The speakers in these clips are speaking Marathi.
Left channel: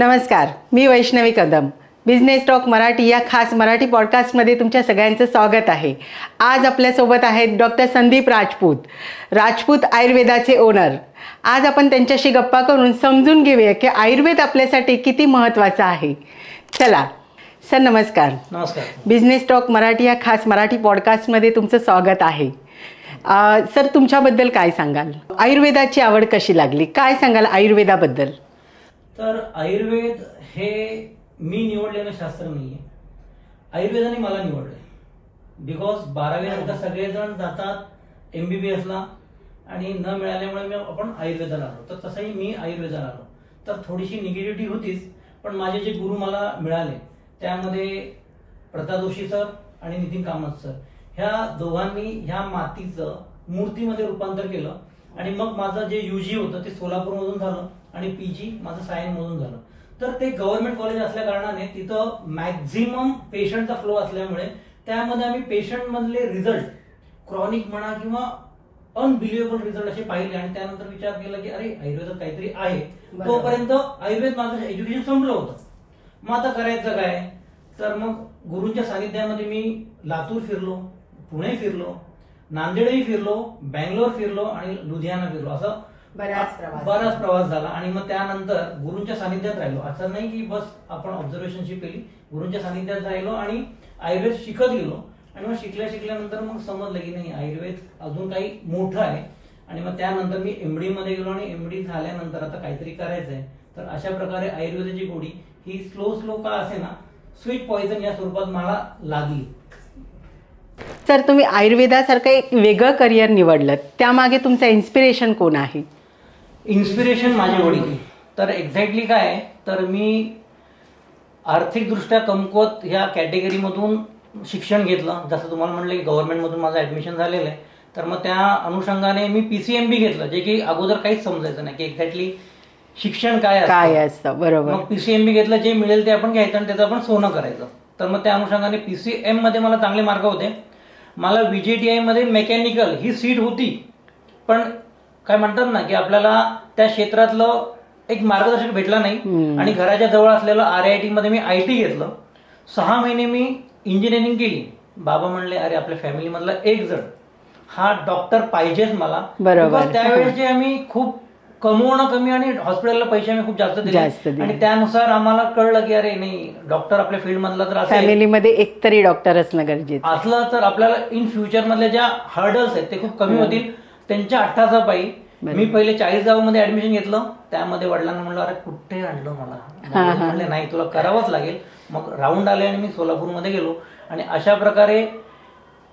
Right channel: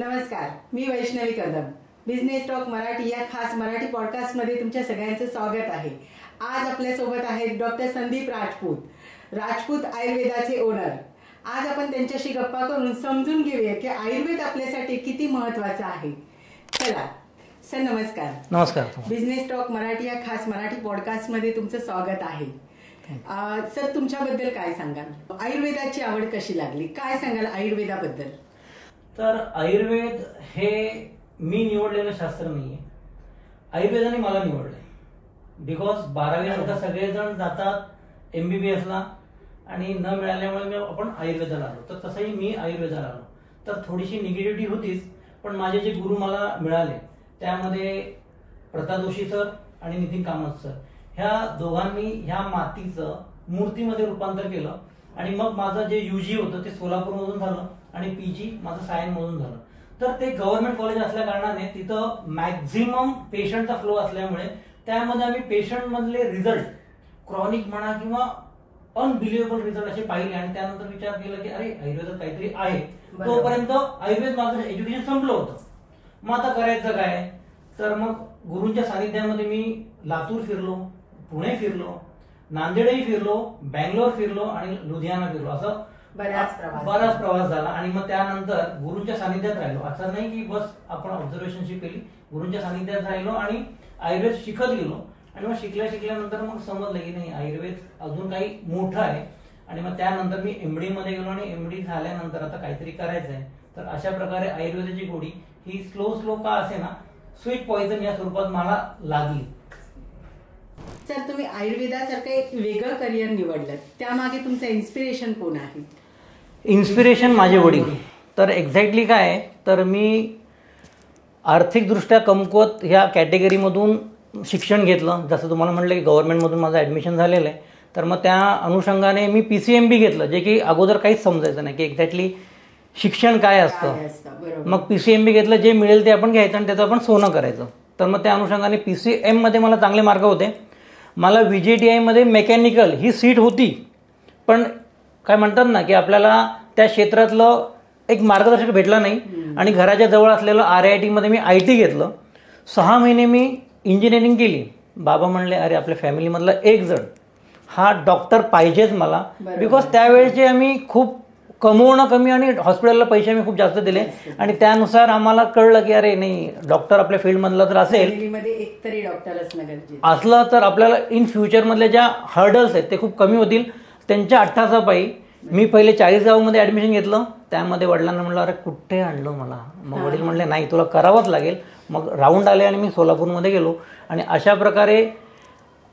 नमस्कार, मी वैष्णवी कदम. बिझनेस टॉक मराठी या खास मराठी पॉडकास्टमध्ये तुमच्या सगळ्यांचं स्वागत आहे. आज आपल्यासोबत आहेत डॉक्टर संदीप राजपूत आयुर्वेदाचे ओनर. आज आपण त्यांच्याशी गप्पा करून समजून घेऊया की आयुर्वेद आपल्यासाठी किती महत्त्वाचा आहे. चला सर, नमस्कार. नमस्कार. बिझनेस टॉक मराठी या खास मराठी पॉडकास्टमध्ये तुमचं स्वागत आहे. सर, तुमच्याबद्दल काय सांगाल? आयुर्वेदाची आवड कशी लागली, काय सांगाल आयुर्वेदाबद्दल? तर आयुर्वेद हे मी निवडलेलं शास्त्र नाहीये, आयुर्वेदाने मला निवडलंय. बिकॉज 12वी नंतर सगळेजण जातात MBBS ला आणि न मिळाल्यामुळे आपण आयुर्वेदाला आलो. तर तसंही मी आयुर्वेदाला आलो. तर थोडीशी निगेटिव्हिटी होतीच, पण माझे जे गुरु मला मिळाले त्यामध्ये प्रताप जोशी सर आणि नितीन कामत सर, ह्या दोघांनी ह्या मातीचं मूर्तीमध्ये रूपांतर केलं. आणि मग माझं जे UG होतं ते सोलापूरमधून झालं आणि PG माझं सायनमधून झालं. तर ते गव्हर्नमेंट कॉलेज असल्या कारणाने तिथं मॅक्झिमम पेशंटचा फ्लो असल्यामुळे त्यामध्ये आम्ही पेशंट मधले रिझल्ट, क्रॉनिक म्हणा किंवा अनबिलिव्हेबल रिझल्ट असे पाहिले. आणि त्यानंतर विचार केला की अरे आयुर्वेदात काहीतरी आहे. तोपर्यंत आयुर्वेद माझं एज्युकेशन संपलं होतं. मग आता करायचं काय? तर मग गुरूंच्या सानिध्यामध्ये मी लातूर फिरलो, पुणे फिरलो, नांदेडही फिरलो, बँगलोर फिरलो आणि लुधियाना फिरलो. असं बराच प्रवास झाला. आणि मग त्यानंतर गुरूंच्या सानिध्यात राहिलो. असं नाही की बस आपण ऑब्झर्वेशनशिप केली, गुरूंच्या सानिध्यात राहिलो आणि आयुर्वेद शिकत गेलो. आणि मग शिकल्यानंतर मग समजलं की नाही, आयुर्वेद अजून काही मोठं आहे. आणि मग त्यानंतर मी MD मध्ये गेलो आणि MD झाल्यानंतर आता काहीतरी करायचंय. तर अशा प्रकारे आयुर्वेदाची गोडी ही स्लो का असे ना, स्वीट पॉइझन या स्वरूपात मला लागली. सर, तुम्ही आयुर्वेदासारखं एक वेगळं करिअर निवडलं, त्यामागे तुमचं इन्स्पिरेशन कोण आहे? इन्स्पिरेशन माझे वडील. तर एक्झॅक्टली काय आहे, तर मी आर्थिकदृष्ट्या कमकुवत ह्या कॅटेगरीमधून शिक्षण घेतलं. जसं तुम्हाला म्हटलं की गव्हर्नमेंटमधून माझं ऍडमिशन झालेलं आहे. तर मग त्या अनुषंगाने मी PCMB घेतलं, जे की अगोदर काहीच समजायचं नाही की एक्झॅक्टली शिक्षण काय असतं. बरोबर. मग PCMB घेतलं, जे मिळेल ते आपण घ्यायचं आणि त्याचं आपण सोनं करायचं. तर मग त्या अनुषंगाने PCM मध्ये मला चांगले मार्क होते. मला VJTI मध्ये मेकॅनिकल ही सीट होती, पण काय म्हणतात ना की आपल्याला त्या क्षेत्रातलं एक मार्गदर्शक भेटला नाही. आणि घराच्या जवळ असलेलं RIT मध्ये मी IT घेतलं. 6 महिने मी इंजिनिअरिंग केली. बाबा म्हणले अरे आपल्या फॅमिली मधला एक जण हा डॉक्टर पाहिजेच मला. बिकॉज त्यावेळेचे आम्ही खूप कमवणं कमी आणि हॉस्पिटलला पैसे आम्ही खूप जास्त दिले. आणि त्यानुसार आम्हाला कळलं की अरे नाही, डॉक्टर आपल्या फील्ड मधला जर असेल, फॅमिलीमध्ये एक तरी डॉक्टर असणं गरजेचं असलं तर आपल्याला इन फ्युचर मधल्या ज्या हर्डल्स आहेत ते खूप कमी होतील. त्यांच्या अट्टासापायी मी पहिले 40 गावामध्ये ऍडमिशन घेतलं. त्यामध्ये वडिलांना म्हणलं अरे कुठे आणलं मला, म्हणले नाही तुला करावंच लागेल. मग राऊंड आले आणि मी सोलापूरमध्ये गेलो. आणि अशा प्रकारे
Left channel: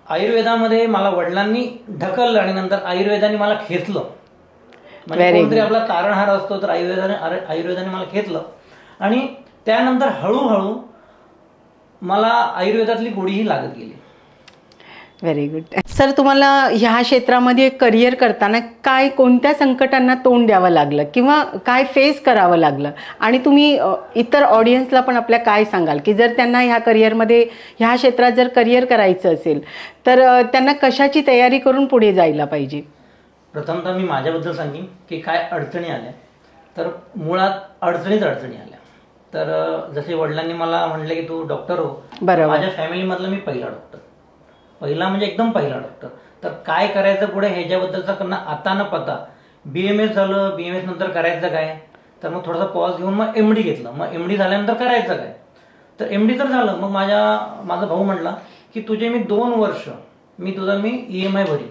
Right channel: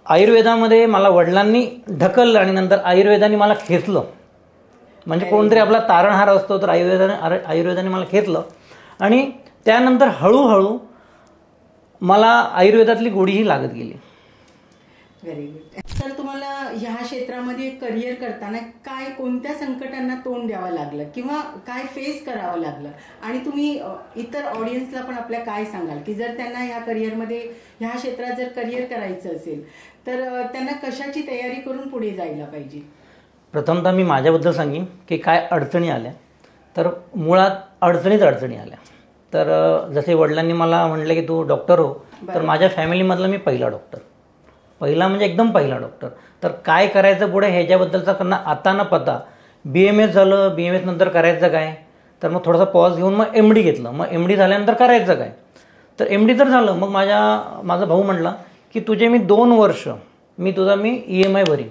आयुर्वेदामध्ये मला वडिलांनी ढकललं आणि नंतर आयुर्वेदाने मला खेचलं. म्हणजे कोणतरी आपला तारणहार असतो, तर आयुर्वेदाने मला घेतलं. आणि त्यानंतर हळूहळू मला आयुर्वेदातली गोडीही लागत गेली. Very good. सर, तुम्हाला ह्या क्षेत्रामध्ये करिअर करताना कोणत्या संकटांना तोंड द्यावं लागलं किंवा काय फेस करावं लागलं? आणि तुम्ही इतर ऑडियन्सला पण आपल्या काय सांगाल की जर त्यांना ह्या करिअरमध्ये, ह्या क्षेत्रात जर करिअर करायचं असेल तर त्यांना कशाची तयारी करून पुढे जायला पाहिजे? प्रथमतः मी माझ्याबद्दल सांगेन की काय अडचणी आल्या. तर मुळात अडचणी आल्या. तर जसे वडिलांनी मला म्हटले की तू डॉक्टर हो, माझ्या फॅमिलीमधला मी पहिला म्हणजे एकदम पहिला डॉक्टर. तर काय करायचं पुढे ह्याच्याबद्दलचा त्यांना आता न पता. BMS झालं, BMS नंतर करायचं काय, तर मग थोडासा पॉज घेऊन मग MD घेतलं. मग MD झाल्यानंतर करायचं काय, तर MD तर झालं. मग माझा भाऊ म्हटला की तुझे मी 2 वर्ष मी EMI भरीन.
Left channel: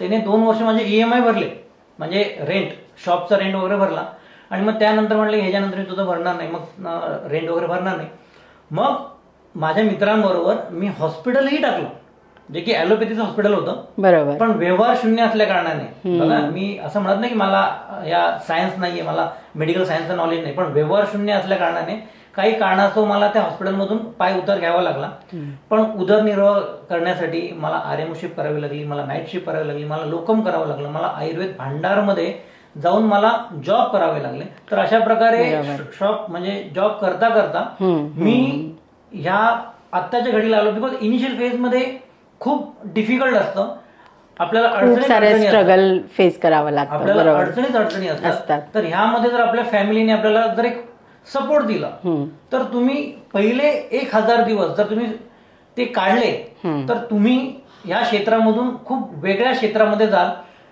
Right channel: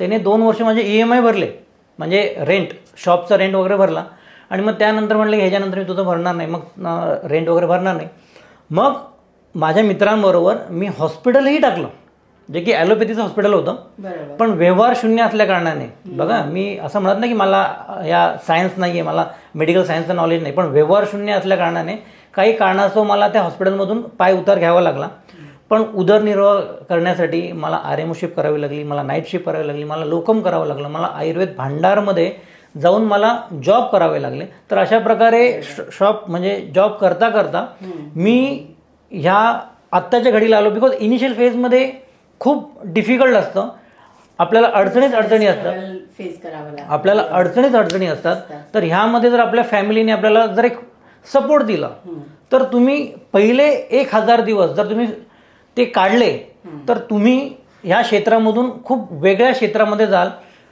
त्याने 2 वर्ष माझे EMI भरले, म्हणजे रेंट, शॉपचा रेंट वगैरे भरला. आणि मग त्यानंतर म्हटलं ह्याच्यानंतर मी तुझं भरणार नाही, मग रेंट वगैरे भरणार नाही. मग माझ्या मित्रांबरोबर मी हॉस्पिटलही टाकलं, जे की ॲलोपॅथीचं हॉस्पिटल होतं. बरोबर. पण व्यवहार शून्य असल्या कारणाने, बघा मी असं म्हणत नाही की मला या सायन्स नाहीये, मला मेडिकल सायन्सचं नॉलेज नाही, पण व्यवहार शून्य असल्या कारणाने काही कारणास्तव मला त्या हॉस्पिटलमधून पाय उतार घ्यावा लागला. पण उदरनिर्वाह करण्यासाठी मला RM शिफ्ट करावी लागली, मला नाईट शिफ्ट करावी लागली, मला लोकम करावं लागलं, मला आयुर्वेद भांडारमध्ये जाऊन मला जॉब करावे लागले. तर अशा प्रकारे जॉब करता करता मी ह्या आत्ताच्या घडीला आलो. बिकॉज इनिशियल फेजमध्ये खूप डिफिकल्ट असतं, आपल्याला फेस करावं लागतं, आपल्याला अडचणी असतात. तर ह्यामध्ये जर आपल्या फॅमिलीने आपल्याला जर एक सपोर्ट दिला तर तुम्ही पहिले 1000 दिवस जर तुम्ही ते काढले तर तुम्ही ह्या क्षेत्रामधून खूप वेगळ्या क्षेत्रामध्ये जाल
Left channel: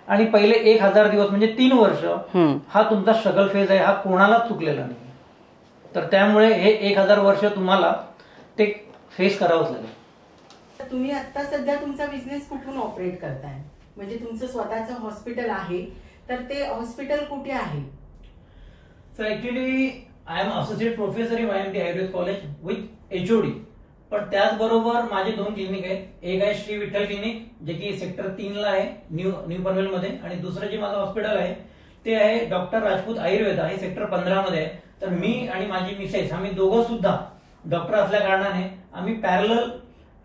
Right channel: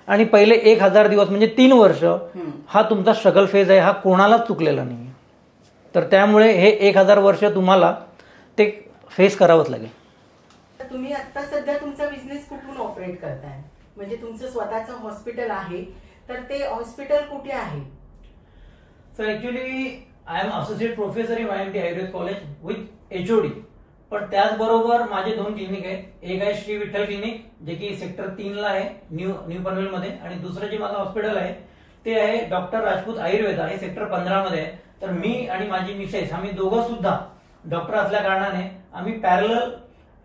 आणि पहिले 1000 दिवस म्हणजे 3 वर्ष हा तुमचा स्ट्रगल फेज आहे, हा कोणालाच चुकलेला नाही. तर त्यामुळे हे 1000 वर्ष तुम्हाला ते फेस करावंच लागेल. तुम्ही आता सध्या तुमचा बिझनेस कुठून ऑपरेट करताय? म्हणजे तुमचं स्वतःचं हॉस्पिटल आहे, तर ते हॉस्पिटल कुठे आहे? Sir actually I am associate professor in YMT Ayurveda college with HOD. पण त्याचबरोबर माझे 2 क्लिनिक आहेत. एक आहे श्री विठ्ठल क्लिनिक जे की सेक्टर 3 ला आहे न्यू पनवेलमध्ये, आणि दुसरं जे माझं हॉस्पिटल आहे ते आहे डॉक्टर राजपूत आयुर्वेदा, हे सेक्टर 15 मध्ये आहे. तर मी आणि माझी मिसेस आम्ही दोघं सुद्धा डॉक्टर असल्या कारणाने आम्ही पॅरलल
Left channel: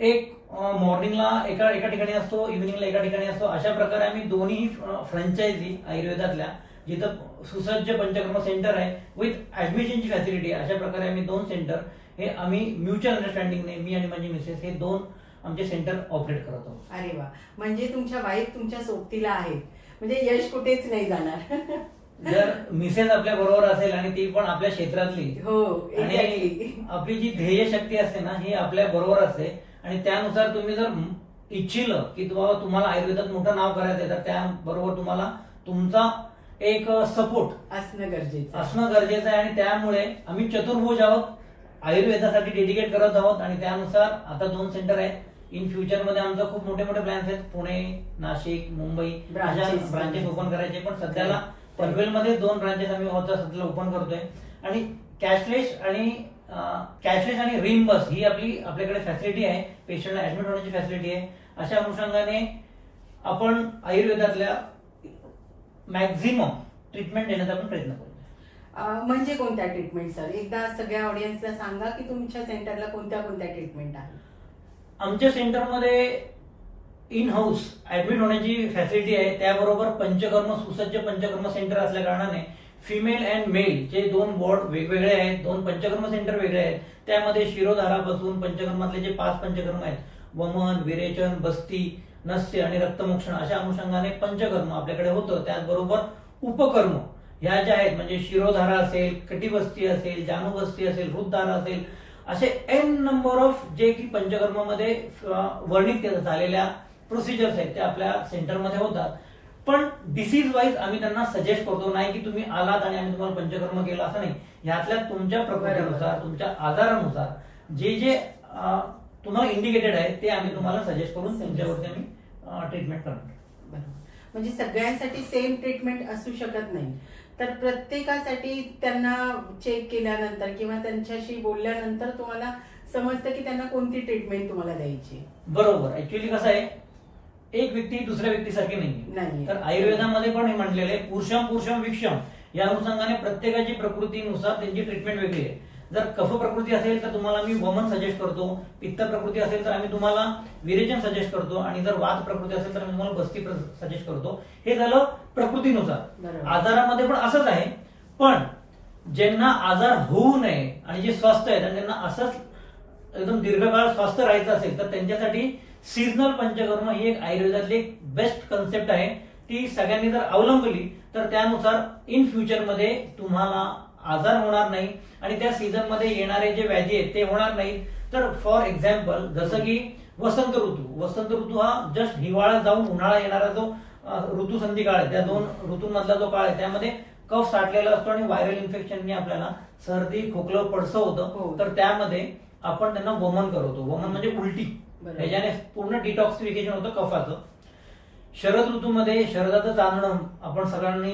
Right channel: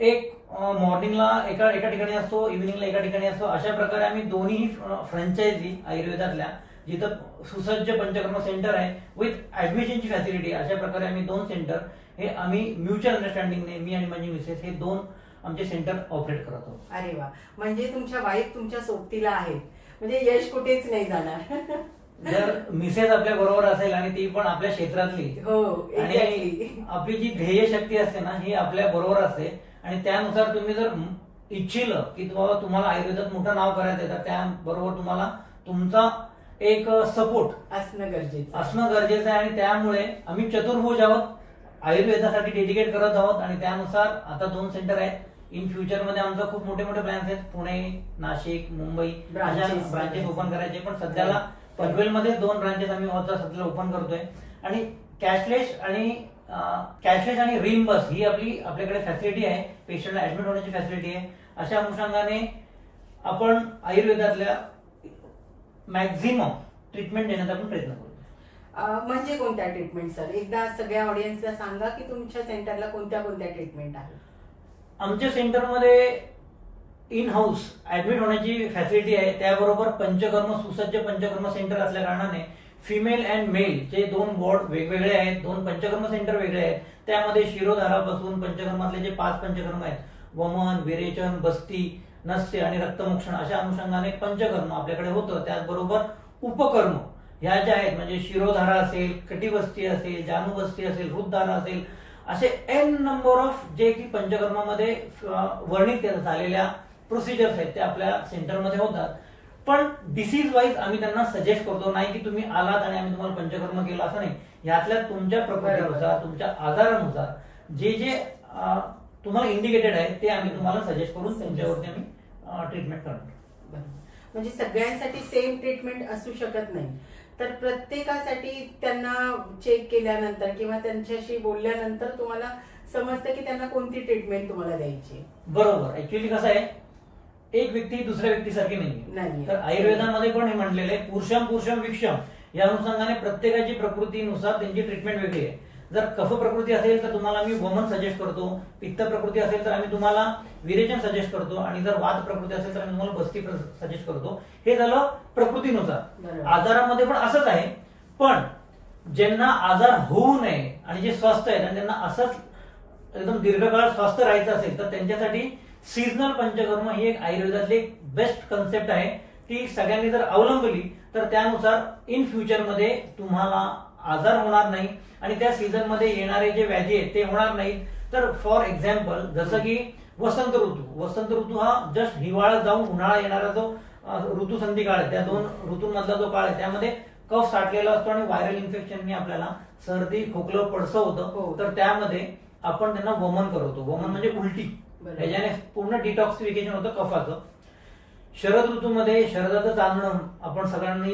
एक मॉर्निंगला एका ठिकाणी असतो, इव्हिनिंगला एका ठिकाणी असतो. अशा प्रकारे आम्ही दोन्ही फ्रँचायझी आयुर्वेदातल्या जिथं सुसज्ज पंचकर्म सेंटर आहे विथ ऍडमिशनची फॅसिलिटी, अशा प्रकारे आम्ही 2 सेंटर हे आम्ही म्युच्युअल अंडरस्टँडिंगने मी आणि माझी मिसेस हे 2 आमचे सेंटर ऑपरेट करत आहोत. अरे वा, म्हणजे तुमच्या वाईफ तुमच्या सोबतीला आहेत, म्हणजे यश कुठेच नाही जाणार. जर मिसेस आपल्या बरोबर असेल आणि ती पण आपल्या क्षेत्रातली, हो, आणि आपली जी ध्येय शक्ती असते ना ही आपल्या बरोबर असते, आणि त्यानुसार तुम्ही जर इच्छिलं की तुम्हाला आयुर्वेदात मोठं नाव करायचं तर त्याबरोबर तुम्हाला तुमचा एक सपोर्ट असणं गरजेचं आहे. आणि त्यामुळे आम्ही चतुर्भुज आहोत, आयुर्वेदासाठी डेडिकेट करत आहोत, आणि त्यानुसार आता 2 सेंटर आहेत. इन फ्युचर मध्ये आमचं खूप मोठे प्लॅन्स आहेत, पुणे, नाशिक, मुंबई ब्रांचेस ओपन करायचे. पण सध्याला पनवेलमध्ये 2 ब्रांचेस आम्ही सध्याला ओपन करतोय. आणि कॅशलेस आणि रिम्बस ही आपल्याकडे फॅसिलिटी आहे, पेशंटला ऍडमिट होण्याची फॅसिलिटी आहे. अशा अनुषंगाने आपण आयुर्वेदातल्या मॅक्झिमम ट्रीटमेंट देण्याचा आपण प्रयत्न करतो. म्हणजे कोणत्या ट्रीटमेंट सर? एकदा सगळ्या ऑडियन्सला सांगा की तुमच्या सेंटरला कोणत्या ट्रीटमेंट आहे. आमच्या सेंटरमध्ये इन हाऊस ऍडमिट होण्याची फॅसिलिटी आहे, त्याबरोबर सुसज्ज पंचकर्म सेंटर असल्या कारणाने फिमेल अँड मेल चे 2 वॉर्ड वेगवेगळे आहेत, 2 पंचकर्म सेंटर वेगळे आहेत. त्यामध्ये शिरोधारापासून पंचकर्मातले जे 5 पंचकर्म आहेत, वमन, विरेचन, बस्ती, नस्य आणि रक्तमोक्षण, अशा अनुषंगाने पंचकर्म आपल्याकडे होतं. त्याचबरोबर उपकर्म ह्या ज्या आहेत म्हणजे शिरोधारा असेल, कटिबस्ती असेल, जानुबस्ती असेल, हृदधारा असेल, असे एन नंबर ऑफ जे की पंचकर्मामध्ये वर्णित झालेल्या प्रोसिजर्स आहेत त्या आपल्या सेंटरमध्ये होतात. पण डिसीज वाईज आम्ही त्यांना सजेस्ट करतो, नाही की तुम्ही आलात आणि आम्ही तुम्हाला पंचकर्म केलं असं नाही. ह्यातल्या तुमच्या प्रकृतीनुसार, तुमच्या आजारानुसार जे तुम्हाला इंडिकेटेड आहे ते आम्ही तुम्हाला सजेस्ट करून त्यांच्यावरती आम्ही ट्रीटमेंट करतो. म्हणजे सगळ्यांसाठी सेम ट्रीटमेंट असू शकत नाही, तर प्रत्येकासाठी त्यांना चेक केल्यानंतर किंवा त्यांच्याशी बोलल्यानंतर तुम्हाला समजतं की त्यांना कोणती ट्रीटमेंट तुम्हाला द्यायची. बरोबर. ऍक्च्युअली कसं आहे, एक व्यक्ती दुसऱ्या व्यक्तीसारखी नाही. तर आयुर्वेदामध्ये पण हे म्हटलेलं आहे, पुरुषम विक्षम, या अनुषंगाने प्रत्येकाची प्रकृतीनुसार त्यांची ट्रीटमेंट वेगळी आहे. जर कफ प्रकृती असेल तर तुम्हाला आम्ही वमन सजेस्ट करतो, पित्त प्रकृती असेल तर आम्ही तुम्हाला विरेचन सजेस्ट करतो, आणि जर वात प्रकृती असेल तर आम्ही तुम्हाला बस्ती सजेस्ट करतो. हे झालं प्रकृतीनुसार. आजारामध्ये पण असंच आहे, पण ज्यांना आजार होऊ नये आणि जे स्वस्थ आहेत आणि त्यांना असंच एकदम दीर्घकाळ स्वस्थ राहायचं असेल तर त्यांच्यासाठी सीझनल पंचकर्म ही एक आयुर्वेदातली एक बेस्ट कन्सेप्ट आहे. ती सगळ्यांनी जर अवलंबली तर त्यानुसार इन फ्युचरमध्ये तुम्हाला आजार होणार नाही आणि त्या सीझन मध्ये येणारे जे व्याधी आहेत ते होणार नाहीत. तर फॉर एक्झाम्पल जसं की वसंत ऋतू हा जस्ट हिवाळा जाऊन उन्हाळा येणारा जो ऋतू संधी काळ आहे, त्या 2 ऋतूंमधला जो काळ आहे त्यामध्ये कफ साठलेला असतो आणि व्हायरल इन्फेक्शनने आपल्याला सर्दी, खोकलं, पडसं होतं. तर त्यामध्ये आपण त्यांना वमन करवतो. वमन म्हणजे उलटी, ह्याच्याने पूर्ण डिटॉक्सिफिकेशन होतं कफाचं. शरद ऋतूमध्ये शरदाचं चांदणं आपण सगळ्यांनी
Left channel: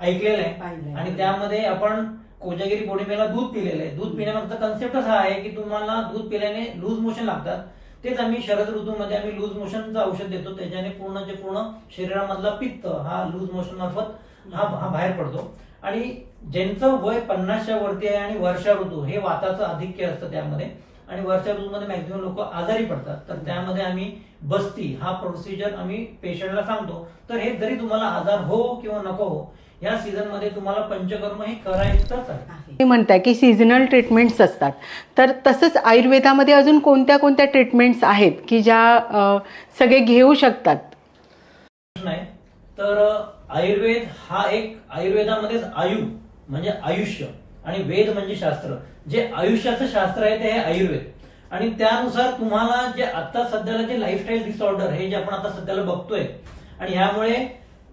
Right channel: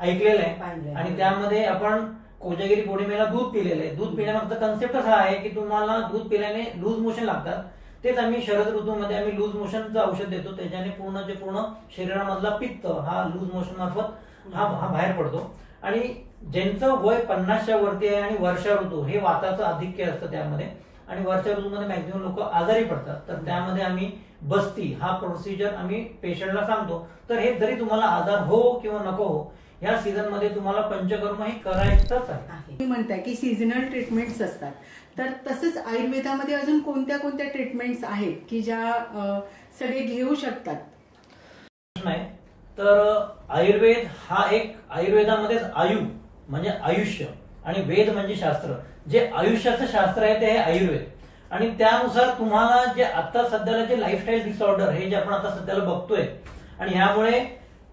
ऐकलेलं आहे, आणि त्यामध्ये आपण कोजागिरी पौर्णिमेला दूध पिलेलं आहे. दूध पिण्यामागचा कन्सेप्टच हा आहे की तुम्हाला दूध पिल्याने लूज मोशन लागतात. तेच आम्ही शरद ऋतूमध्ये आम्ही लूज मोशनचं औषध देतो, त्याच्याने पूर्ण शरीरामधला पित्त हा लूज मोशन मार्फत हा बाहेर पडतो. आणि ज्यांचं वय 50च्या वरती आहे आणि वर्षा ऋतू हे वाताचं आधिक्य असतं त्यामध्ये, आणि वर्षा ऋतूमध्ये मॅक्झिमम लोक आजारी पडतात, तर त्यामध्ये आम्ही बस्ती हा प्रोसिजर आम्ही पेशंटला सांगतो. तर हे जरी तुम्हाला आजार हो किंवा नको हो, या सीझन मध्ये तुम्हाला पंचकर्म हे करायचंच आहे. म्हणताय की सीझनल ट्रीटमेंट्स असतात, तर तसंच आयुर्वेदामध्ये अजून कोणत्या ट्रीटमेंट्स आहेत की ज्या सगळे घेऊ शकतात? नाही तर आयुर्वेद हा एक आयुर्वेदामध्येच आयु म्हणजे आयुष्य आणि वेद म्हणजे शास्त्र. जे आयुष्याचं शास्त्र आहे ते आहे आयुर्वेद. आणि त्यानुसार तुम्हाला जे आता सध्याला जे लाईफस्टाईल डिसऑर्डर हे जे आपण आता सध्याला बघतोय, आणि ह्यामुळे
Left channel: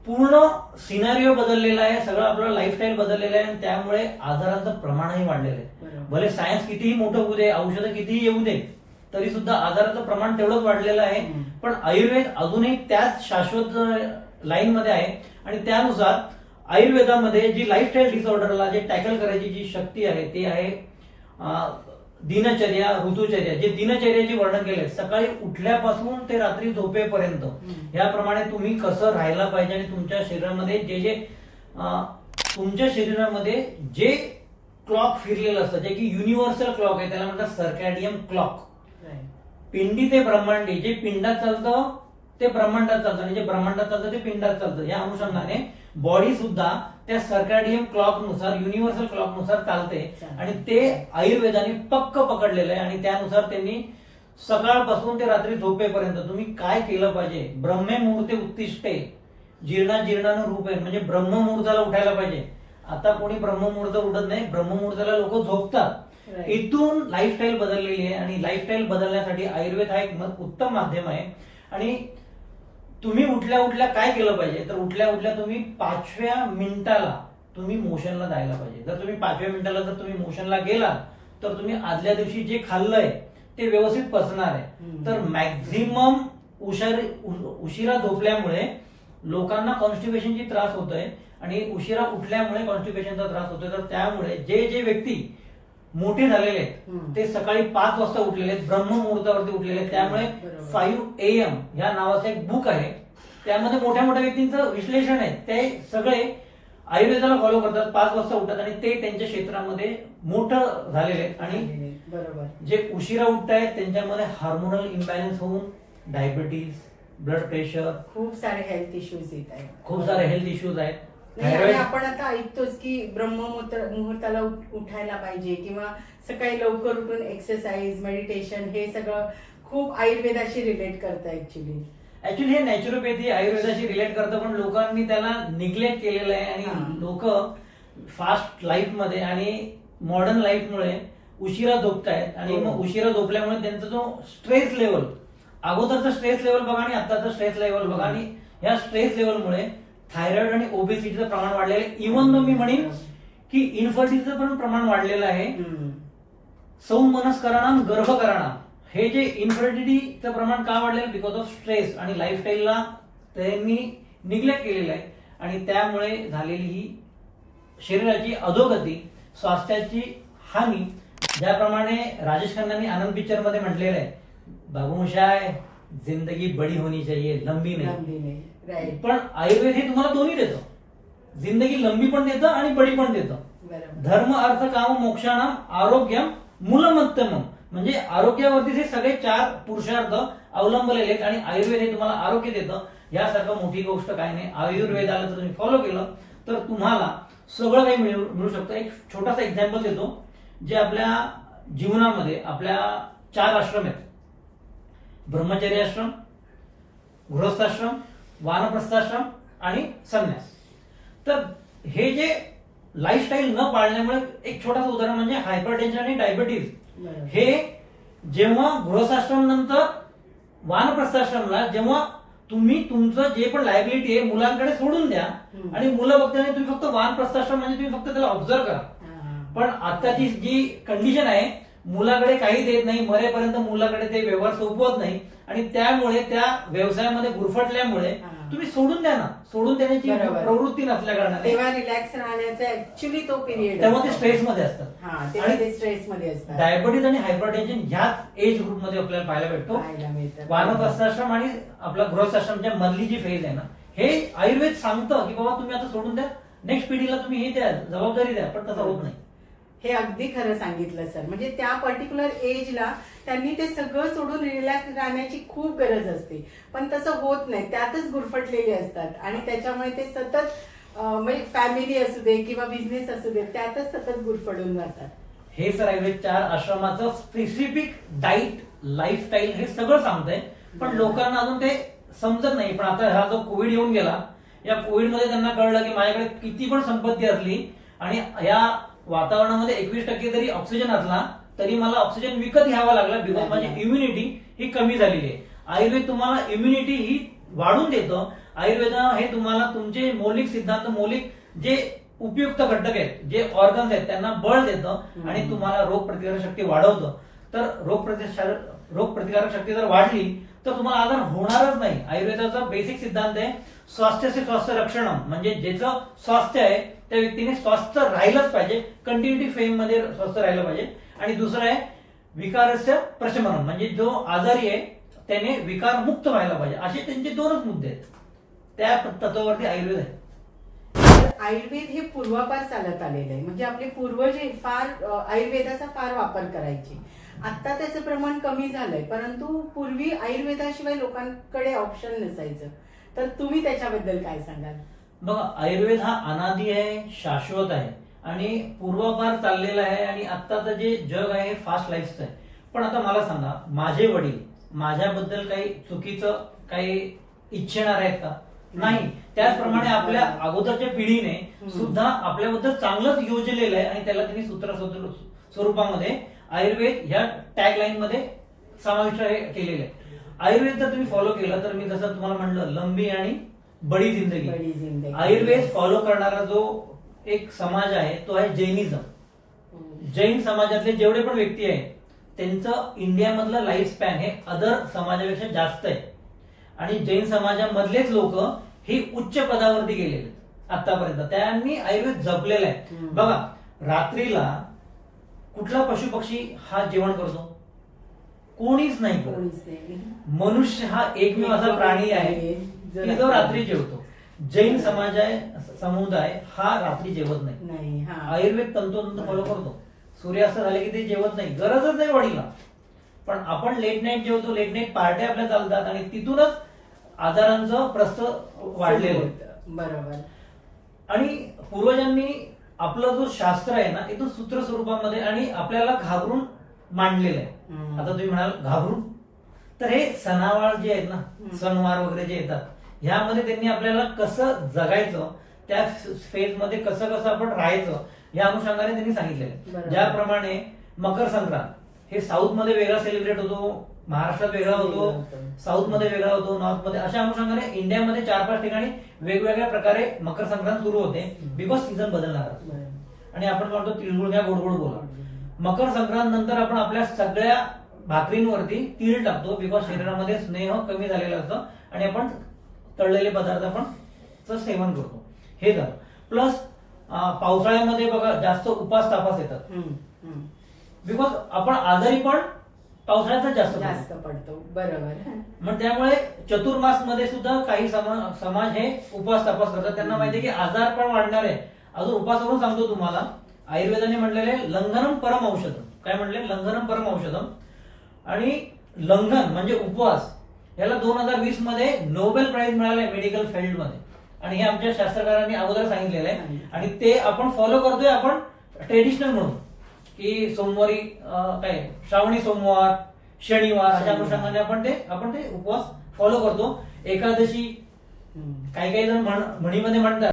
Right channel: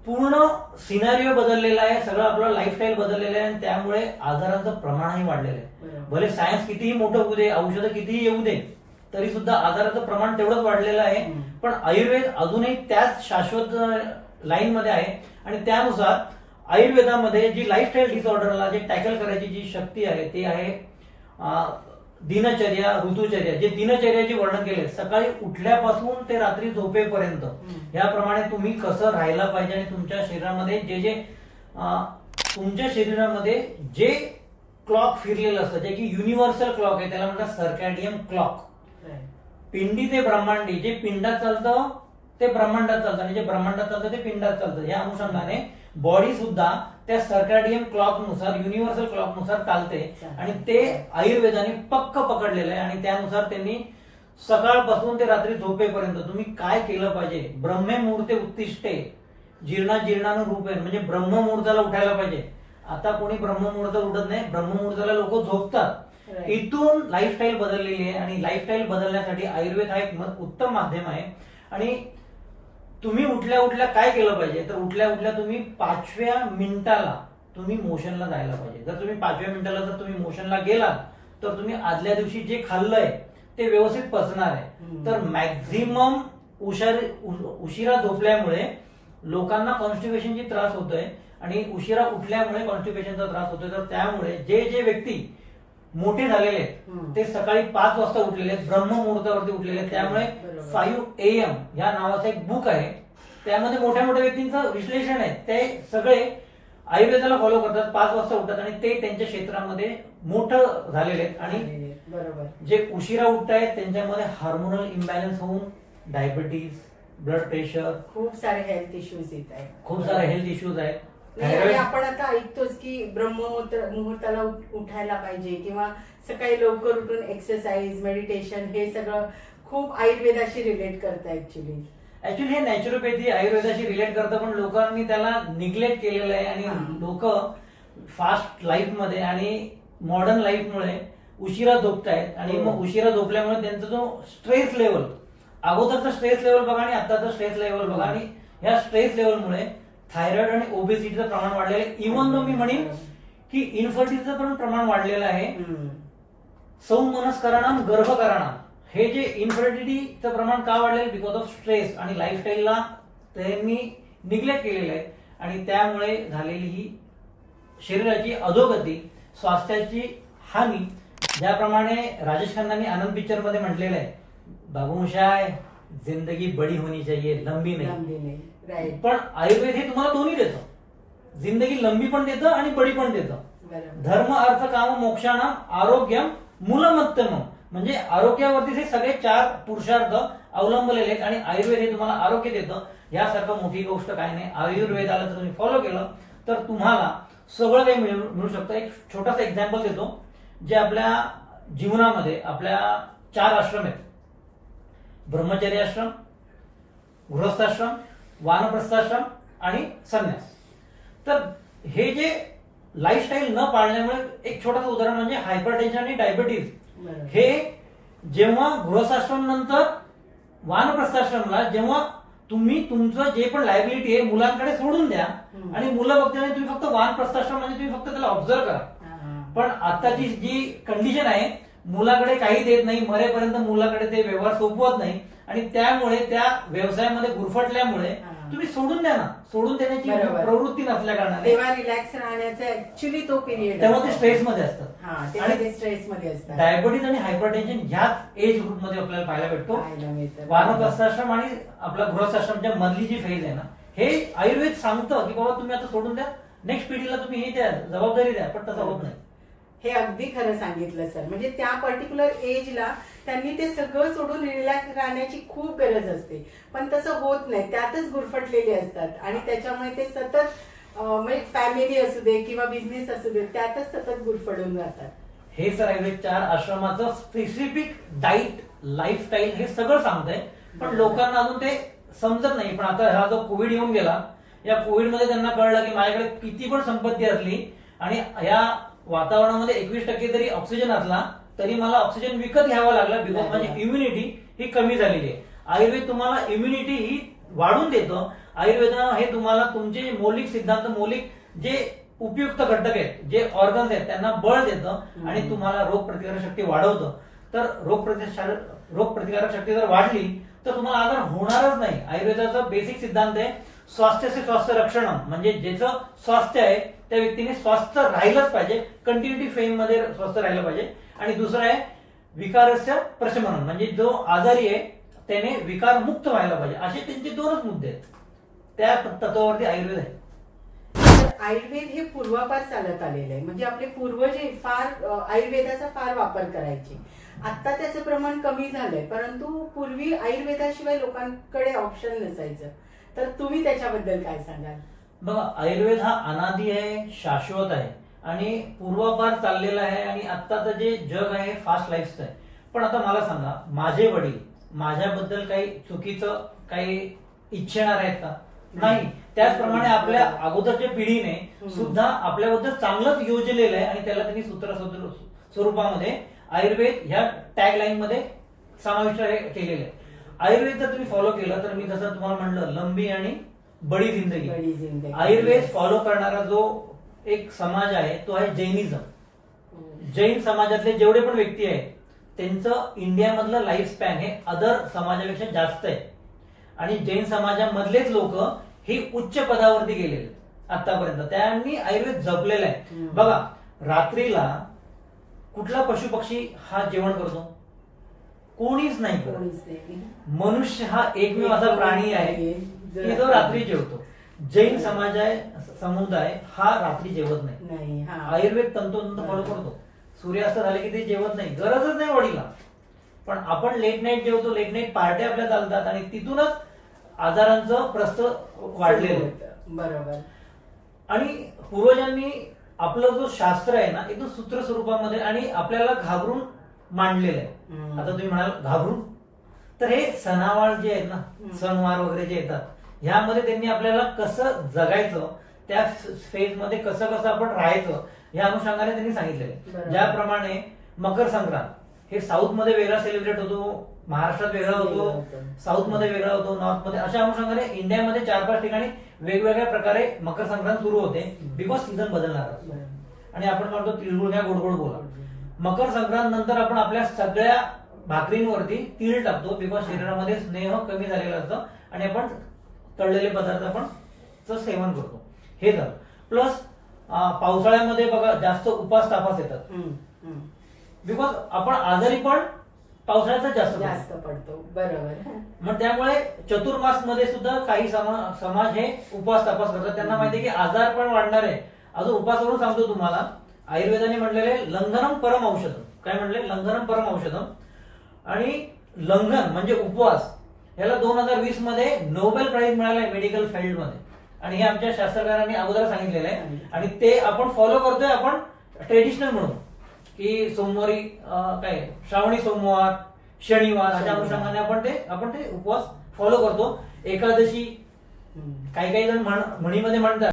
पूर्ण सिनारिओ बदललेला आहे, सगळं आपलं लाईफस्टाईल बदललेलं आहे, आणि त्यामुळे आजारांचं प्रमाणही वाढलेलं आहे. भले सायन्स कितीही मोठं होऊ दे, औषधं कितीही येऊ दे, तरी सुद्धा आजाराचं प्रमाण तेवढंच वाढलेलं आहे. पण आयुर्वेद अजूनही त्याच शाश्वत लाईन मध्ये आहे. आणि त्यानुसार आयुर्वेदामध्ये जी लाईफस्टाईल डिसऑर्डरला जे टॅकल करायची जी शक्ती आहे ते आहे दिनचर्या, ऋतुचर्या. जे दिनचर्याचे वर्णन केले, सकाळी उठल्यापासून ते रात्री झोपेपर्यंत, याप्रमाणे तुम्ही कसं राहायला पाहिजे, आणि तुमच्या शरीरामध्ये तुमच्या शरीरामध्ये जे क्लॉक फिरलेलं असतं, जे की युनिव्हर्सल क्लॉक आहे, त्याला म्हणतात सर्कॅडियन क्लॉक. पिंडी ते ब्रह्मांडी, जे पिंडात चालतं ते ब्रह्मांडात चालतं, आणि जे ब्रह्मांडात चालतं ते पिंडात चालतं. या अनुषंगाने बॉडी सुद्धा त्या सर्कॅडियन क्लॉक नुसार, युनिव्हर्सल क्लॉक नुसार चालते. आणि ते आयुर्वेदाने पक्क पकडलेलं आहे. आणि त्यानुसार त्यांनी सकाळपासून ते रात्री झोपेपर्यंत तुम्ही काय केलं पाहिजे. ब्रह्ममुहूर्ते उत्तिष्ठे जीर्णा जीर्णानु रूपे, म्हणजे ब्रह्ममुहूर्ताला उठायला पाहिजे. आता कोणी ब्रह्ममुहूर्त उठत नाही, ब्रह्ममुहूर्ताला लोक झोपतात. इथून लाईफस्टाईल बदललेली आहे. आणि लाईफस्टाईल बदलण्यासाठी आयुर्वेद हा एक उत्तम माध्यम आहे. आणि तुम्ही उठल्या उठल्या काय केलं पाहिजे, तर उठल्या उठल्या तुम्ही 5व्या मिनिटाला तुम्ही मोशनला जायला पाहिजे. जर तुम्ही 5व्या मिनिटाला जर तुम्ही मोशनला गेला, तर तुम्ही आदल्या दिवशी जे खाल्लंय ते व्यवस्थित पचणार आहे. तर मॅक्झिमम उशिरा झोपल्यामुळे लोकांना कॉन्स्टिपेशनची त्रास होतोय, आणि उशिरा उठल्यामुळे कॉन्स्टिपेशनचा त्रास होतोय. तर त्यामुळे जे व्यक्ती मोठे झालेले आहेत ते सकाळी 5 वाजता उठलेले आहेत, ब्रह्ममुहूर्तावरती उठलेले आहेत. त्यामुळे 5 AM या नावाचं एक बुक आहे, त्यामध्ये मोठ्या मोठ्या व्यक्तींचं विश्लेषण आहे. ते सगळे आयुर्वेदाला फॉलो करतात, 5 वाजता उठतात, आणि ते त्यांच्या क्षेत्रामध्ये मोठं झालेले आहेत. आणि जे उशिरा उठतायत त्यांच्यामध्ये हार्मोनल इम्बॅलन्स होऊन डायबिटीज, ब्लड प्रेशर, खूप सारे हेल्थ इश्यूज येत आहेत. खूप सारे हेल्थ इश्यूज आहेत. आपण आता ऐकतोच की ब्रह्ममुहूर्ताला उठायला पाहिजे, किंवा सकाळी लवकर उठून एक्सरसाइज, मेडिटेशन, हे सगळं खूप आयुर्वेदाशी रिलेट करतं. ऍक्च्युली हे नॅचरोपॅथी आयुर्वेदाशी रिलेट करतं, पण लोकांनी त्याला निग्लेक्ट केलेलं आहे. आणि लोक फास्ट लाईफ मध्ये आणि मॉडर्न लाईफमुळे उशिरा झोपतायत. आणि मग उशिरा झोपल्यामुळे त्यांचा जो स्ट्रेस लेवल, अगोदरचा स्ट्रेस लेवल बघा आणि आताचा स्ट्रेस लेवल बघा, आणि ह्या स्ट्रेस लेवलमुळे थायरॉइड आणि ओबेसिटीचं प्रमाण वाढलेलं आहे. इव्हन दो मी म्हणेन की इन्फर्टिलिटीचं पण प्रमाण वाढलेलं आहे. सौमनस्करणाम गर्भकरणाम, हे जे इन्फर्टिलिटीचं प्रमाण का वाढलेलं, बिकॉज ऑफ स्ट्रेस आणि लाईफस्टाईलला त्यांनी निग्लेक्ट केलेलं आहे. आणि त्यामुळे झालेली ही शरीराची अधोगती, स्वास्थ्याची हानी. ज्याप्रमाणे राजेश खन्नांनी आनंद पिक्चर मध्ये म्हटलेलं आहे, बाबूशाय जिंदगी बडी होनी चाहिए, लंबी नाही. पण आयुर्वेद हे तुम्हाला दोन्ही देतं, जिंदगी लंबी पण देतं आणि बडी पण देतं. धर्म, अर्थ, काम, मोक्षाणाम आरोग्यम मूलमत्तम, म्हणजे आरोग्यावरती हे सगळे 4 पुरुषार्थ अवलंबलेले आहेत. आणि आयुर्वेद हे तुम्हाला आरोग्य देतं. यासारखं मोठी गोष्ट काय नाही. आयुर्वेदाला जर तुम्ही फॉलो केलं तर तुम्हाला सगळं काही मिळू शकतं. एक छोटासा एक्झाम्पल देतो, जे आपल्या जीवनामध्ये आपल्या 4 आश्रम आहेत, ब्रह्मचर्य आश्रम, गृहस्थाश्रम, वानप्रस्थाश्रम आणि संन्यास. तर हे जे लाईफस्टाईल न पाळल्यामुळे, एक छोटासा उदाहरण म्हणजे हायपरटेन्शन आणि डायबिटीज, हे जेव्हा गृहस्थाश्रम नंतर वानप्रस्थाश्रमला, जेव्हा तुम्ही तुमचं जे पण लायबिलिटी आहे मुलांकडे सोडून द्या, आणि मुलं बघताना तुम्ही फक्त वानप्रस्थाश्रम म्हणजे तुम्ही फक्त त्याला ऑब्झर्व करा. पण आताची जी कंडिशन आहे, मुलाकडे काही देत नाही, मरेपर्यंत मुलाकडे ते व्यवहार सोपवत नाही, आणि त्यामुळे त्या व्यवसायामध्ये गुरफटल्यामुळे तुम्ही सोडून द्या ना. सोडून देण्याची प्रवृत्ती नसल्या कारणाने तेव्हा रिलॅक्स राहण्याचा ऍक्च्युली तो पिरियड, तेव्हा ते स्ट्रेसमध्ये असतात. आणि स्ट्रेसमध्ये असतात. डायबिटीज आणि हायपरटेन्शन ह्याच एज ग्रुपमध्ये आपल्याला पाहायला भेटतो. वानप्रस्थाश्रम आणि आपला गृहस्थाश्रमच्या मधली जी फेज आहे ना, हे आयुर्वेद सांगतं की बाबा तुम्ही आता सोडून द्या, नेक्स्ट पिढीला तुम्ही हे द्या, जबाबदारी द्या. पण तसं होत नाही. हे अगदी खरं सांगितलं सर. म्हणजे त्या पर्टिक्युलर एजला त्यांनी ते सगळं सोडून रिलॅक्स राहण्याची खूप गरज असते, पण तसं होत नाही. त्यातच गुरफटलेले असतात, आणि त्याच्यामुळे ते सतत म्हणजे फॅमिली असू दे किंवा बिझनेस असू दे, त्यातच सतत गुरफडून राहतात. हे सर आयुर्वेद 4 आश्रमाचं स्पेसिफिक डाईट, लाईफस्टाईल हे सगळं सांगतंय, पण लोकांना अजून ते समजत नाही. पण आता हा जो कोविड येऊन गेला, या कोविडमध्ये त्यांना कळलं की माझ्याकडे किती पण संपत्ती असली आणि या वातावरणामध्ये 21% जरी ऑक्सिजन असला तरी मला ऑक्सिजन विकत घ्यावा लागला, बिकॉज माझी इम्युनिटी ही कमी झालेली आहे. आयुर्वेद तुम्हाला इम्युनिटी ही वाढून देतं. आयुर्वेद हे तुम्हाला तुमचे मौलिक सिद्धांत, मौलिक जे उपयुक्त घटक आहेत, जे ऑर्गन्स आहेत, त्यांना बळ देतं आणि तुम्हाला रोगप्रतिकारक शक्ती वाढवतं. तर रोगप्रतिकारक शक्ती जर वाढली तर तुम्हाला आजार होणारच नाही. आयुर्वेदाचा बेसिक सिद्धांत आहे स्वास्थ्य से स्वास्थ्य रक्षण, म्हणजे ज्याचं स्वास्थ्य आहे त्या व्यक्तीने स्वस्थ राहिलंच पाहिजे, कंटिन्युटी फेम मध्ये स्वस्थ राहिलं पाहिजे. आणि दुसरं आहे विकारस्य प्रशमन, म्हणजे जो आजारी आहे त्याने विकार मुक्त व्हायला पाहिजे. असे त्यांचे दोनच मुद्दे आहेत. त्या तत्वावरती आयुर्वेद आहे. आयुर्वेद हे पूर्वापार चालत आलेलं आहे, म्हणजे आपले पूर्वज हे फार आयुर्वेदाचा फार वापर करायचे. आता त्याचं प्रमाण कमी झालंय, परंतु पूर्वी आयुर्वेदाशिवाय लोकांकडे ऑप्शन नसायचं. तर तुम्ही त्याच्याबद्दल काय सांगाल? बघा, आयुर्वेद हा अनादी आहे, शाश्वत आहे आणि पूर्वापार चाललेला आहे. आणि आत्ताचं जे जग आहे फास्ट लाईफचं आहे. पण आता मला सांगा, माझे वडील माझ्याबद्दल काही चुकीचं काही इच्छेणार आहेत का? नाही. त्याचप्रमाणे आपल्या अगोदरच्या पिढीने सुद्धा आपल्याबद्दल चांगलंच योजलेलं आहे आणि त्याला त्यांनी सूत्र स्वरूपामध्ये आयुर्वेद ह्या टॅग लाईन मध्ये समाविष्ट केलेलं आहे. आयुर्वेद जर तुम्ही फॉलो केलं तर मी जसं तुम्हाला म्हणलं, लंबी आणि बडी जिंदगी. आयुर्वेद फॉलो करणारा जो एक समाज आहे तो आहे जैनिझम. जैन समाजातले जेवढे पण व्यक्ती आहेत त्यांचं इंडियामधलं लाईफ स्पॅन हे अदर समाजापेक्षा जास्त आहे. आणि जैन समाजामधलेच लोक ही उच्च पदावरती गेलेले आतापर्यंत. त्यांनी आयुर्वेद जपलेलं आहे. बघा, रात्रीला कुठला पशु पक्षी हा जेवण करतो? कोणीच नाही. मनुष्य हा एकमेव असा प्राणी आहे की जो रात्री जेवतो. जैन समुदाय हा रात्री जेवत नाही. आयुर्वेद तंतोतंत फॉलो करतो. सूर्यास्त झाले की ते जेवत नाही, गरजच नाही वडीला. पण आपण लेट नाईट जेवतो, लेट नाईट पार्ट्या आपल्या चालतात आणि तिथूनच आजारांचं प्रस्थ वाढलेलं. बरोबर. आणि पूर्वजांनी आपलं जो शास्त्र आहे ना एकदम सूत्र स्वरूपामध्ये आणि आपल्याला घाबरून मांडलेलं आहे. आता तुम्ही म्हणाल घाबरून, तर हे सणावार जे आहेत ना, सणवार वगैरे जे येतात, ह्यामध्ये त्यांनी आपल्याला कसं जगायचं, त्या फेज मध्ये कसं कसं आपण राहायचं या अनुषंगाने त्यांनी सांगितलेलं आहे. ज्याप्रमाणे मकर संक्रांत हे साऊथ मध्ये वेगळा सेलिब्रेट होतो, महाराष्ट्रात वेगळा होतो, साऊथ मध्ये वेगळा होतो, नॉर्थ मध्ये. अशा अनुषंगाने इंडियामध्ये 4-5 ठिकाणी वेगवेगळ्या प्रकारे मकर संक्रांत सुरू होते, बिकॉज सीझन बदलणार. आणि आपण म्हणतो तिळगुळ घ्या गोड गोड बोला. मकर संक्रांत नंतर आपण आपल्या सगळ्या भाकरींवरती तीळ टाकतो, बिकॉज शरीरामध्ये स्नेह कमी झालेला असतं आणि आपण तळलेले पदार्थ आपण सेवन करतो. हे झालं. प्लस पावसाळ्यामध्ये बघा जास्त उपास तापास येतात, बिकॉज आपण आजारी पण पावसाळ्यात जास्त पडतो. बरोबर. मग त्यामुळे चतुर्मास मध्ये सुद्धा काही समाज हे उपवास तपास करतात. त्यांना माहिती आहे की आजार पण वाढणार आहे. अजून उपास करून सांगतो तुम्हाला, आयुर्वेदाने म्हणलेले लंघनम परम औषधम. काय म्हणले? लंघनम परम औषधम. आणि लंघन म्हणजे उपवास, याला 2020 मध्ये नोबेल प्राइज मिळाले मेडिकल फील्ड मध्ये. आणि हे आमच्या शास्त्रकारांनी अगोदर सांगितलेलं आहे आणि ते आपण फॉलो करतोय. आपण ट्रेडिशनल म्हणून की सोमवारी काय श्रावणी सोमवार, शनिवार अशा अनुषंगाने आपण ते उपवास फॉलो करतो. एकादशी काही जण म्हणीमध्ये म्हणतात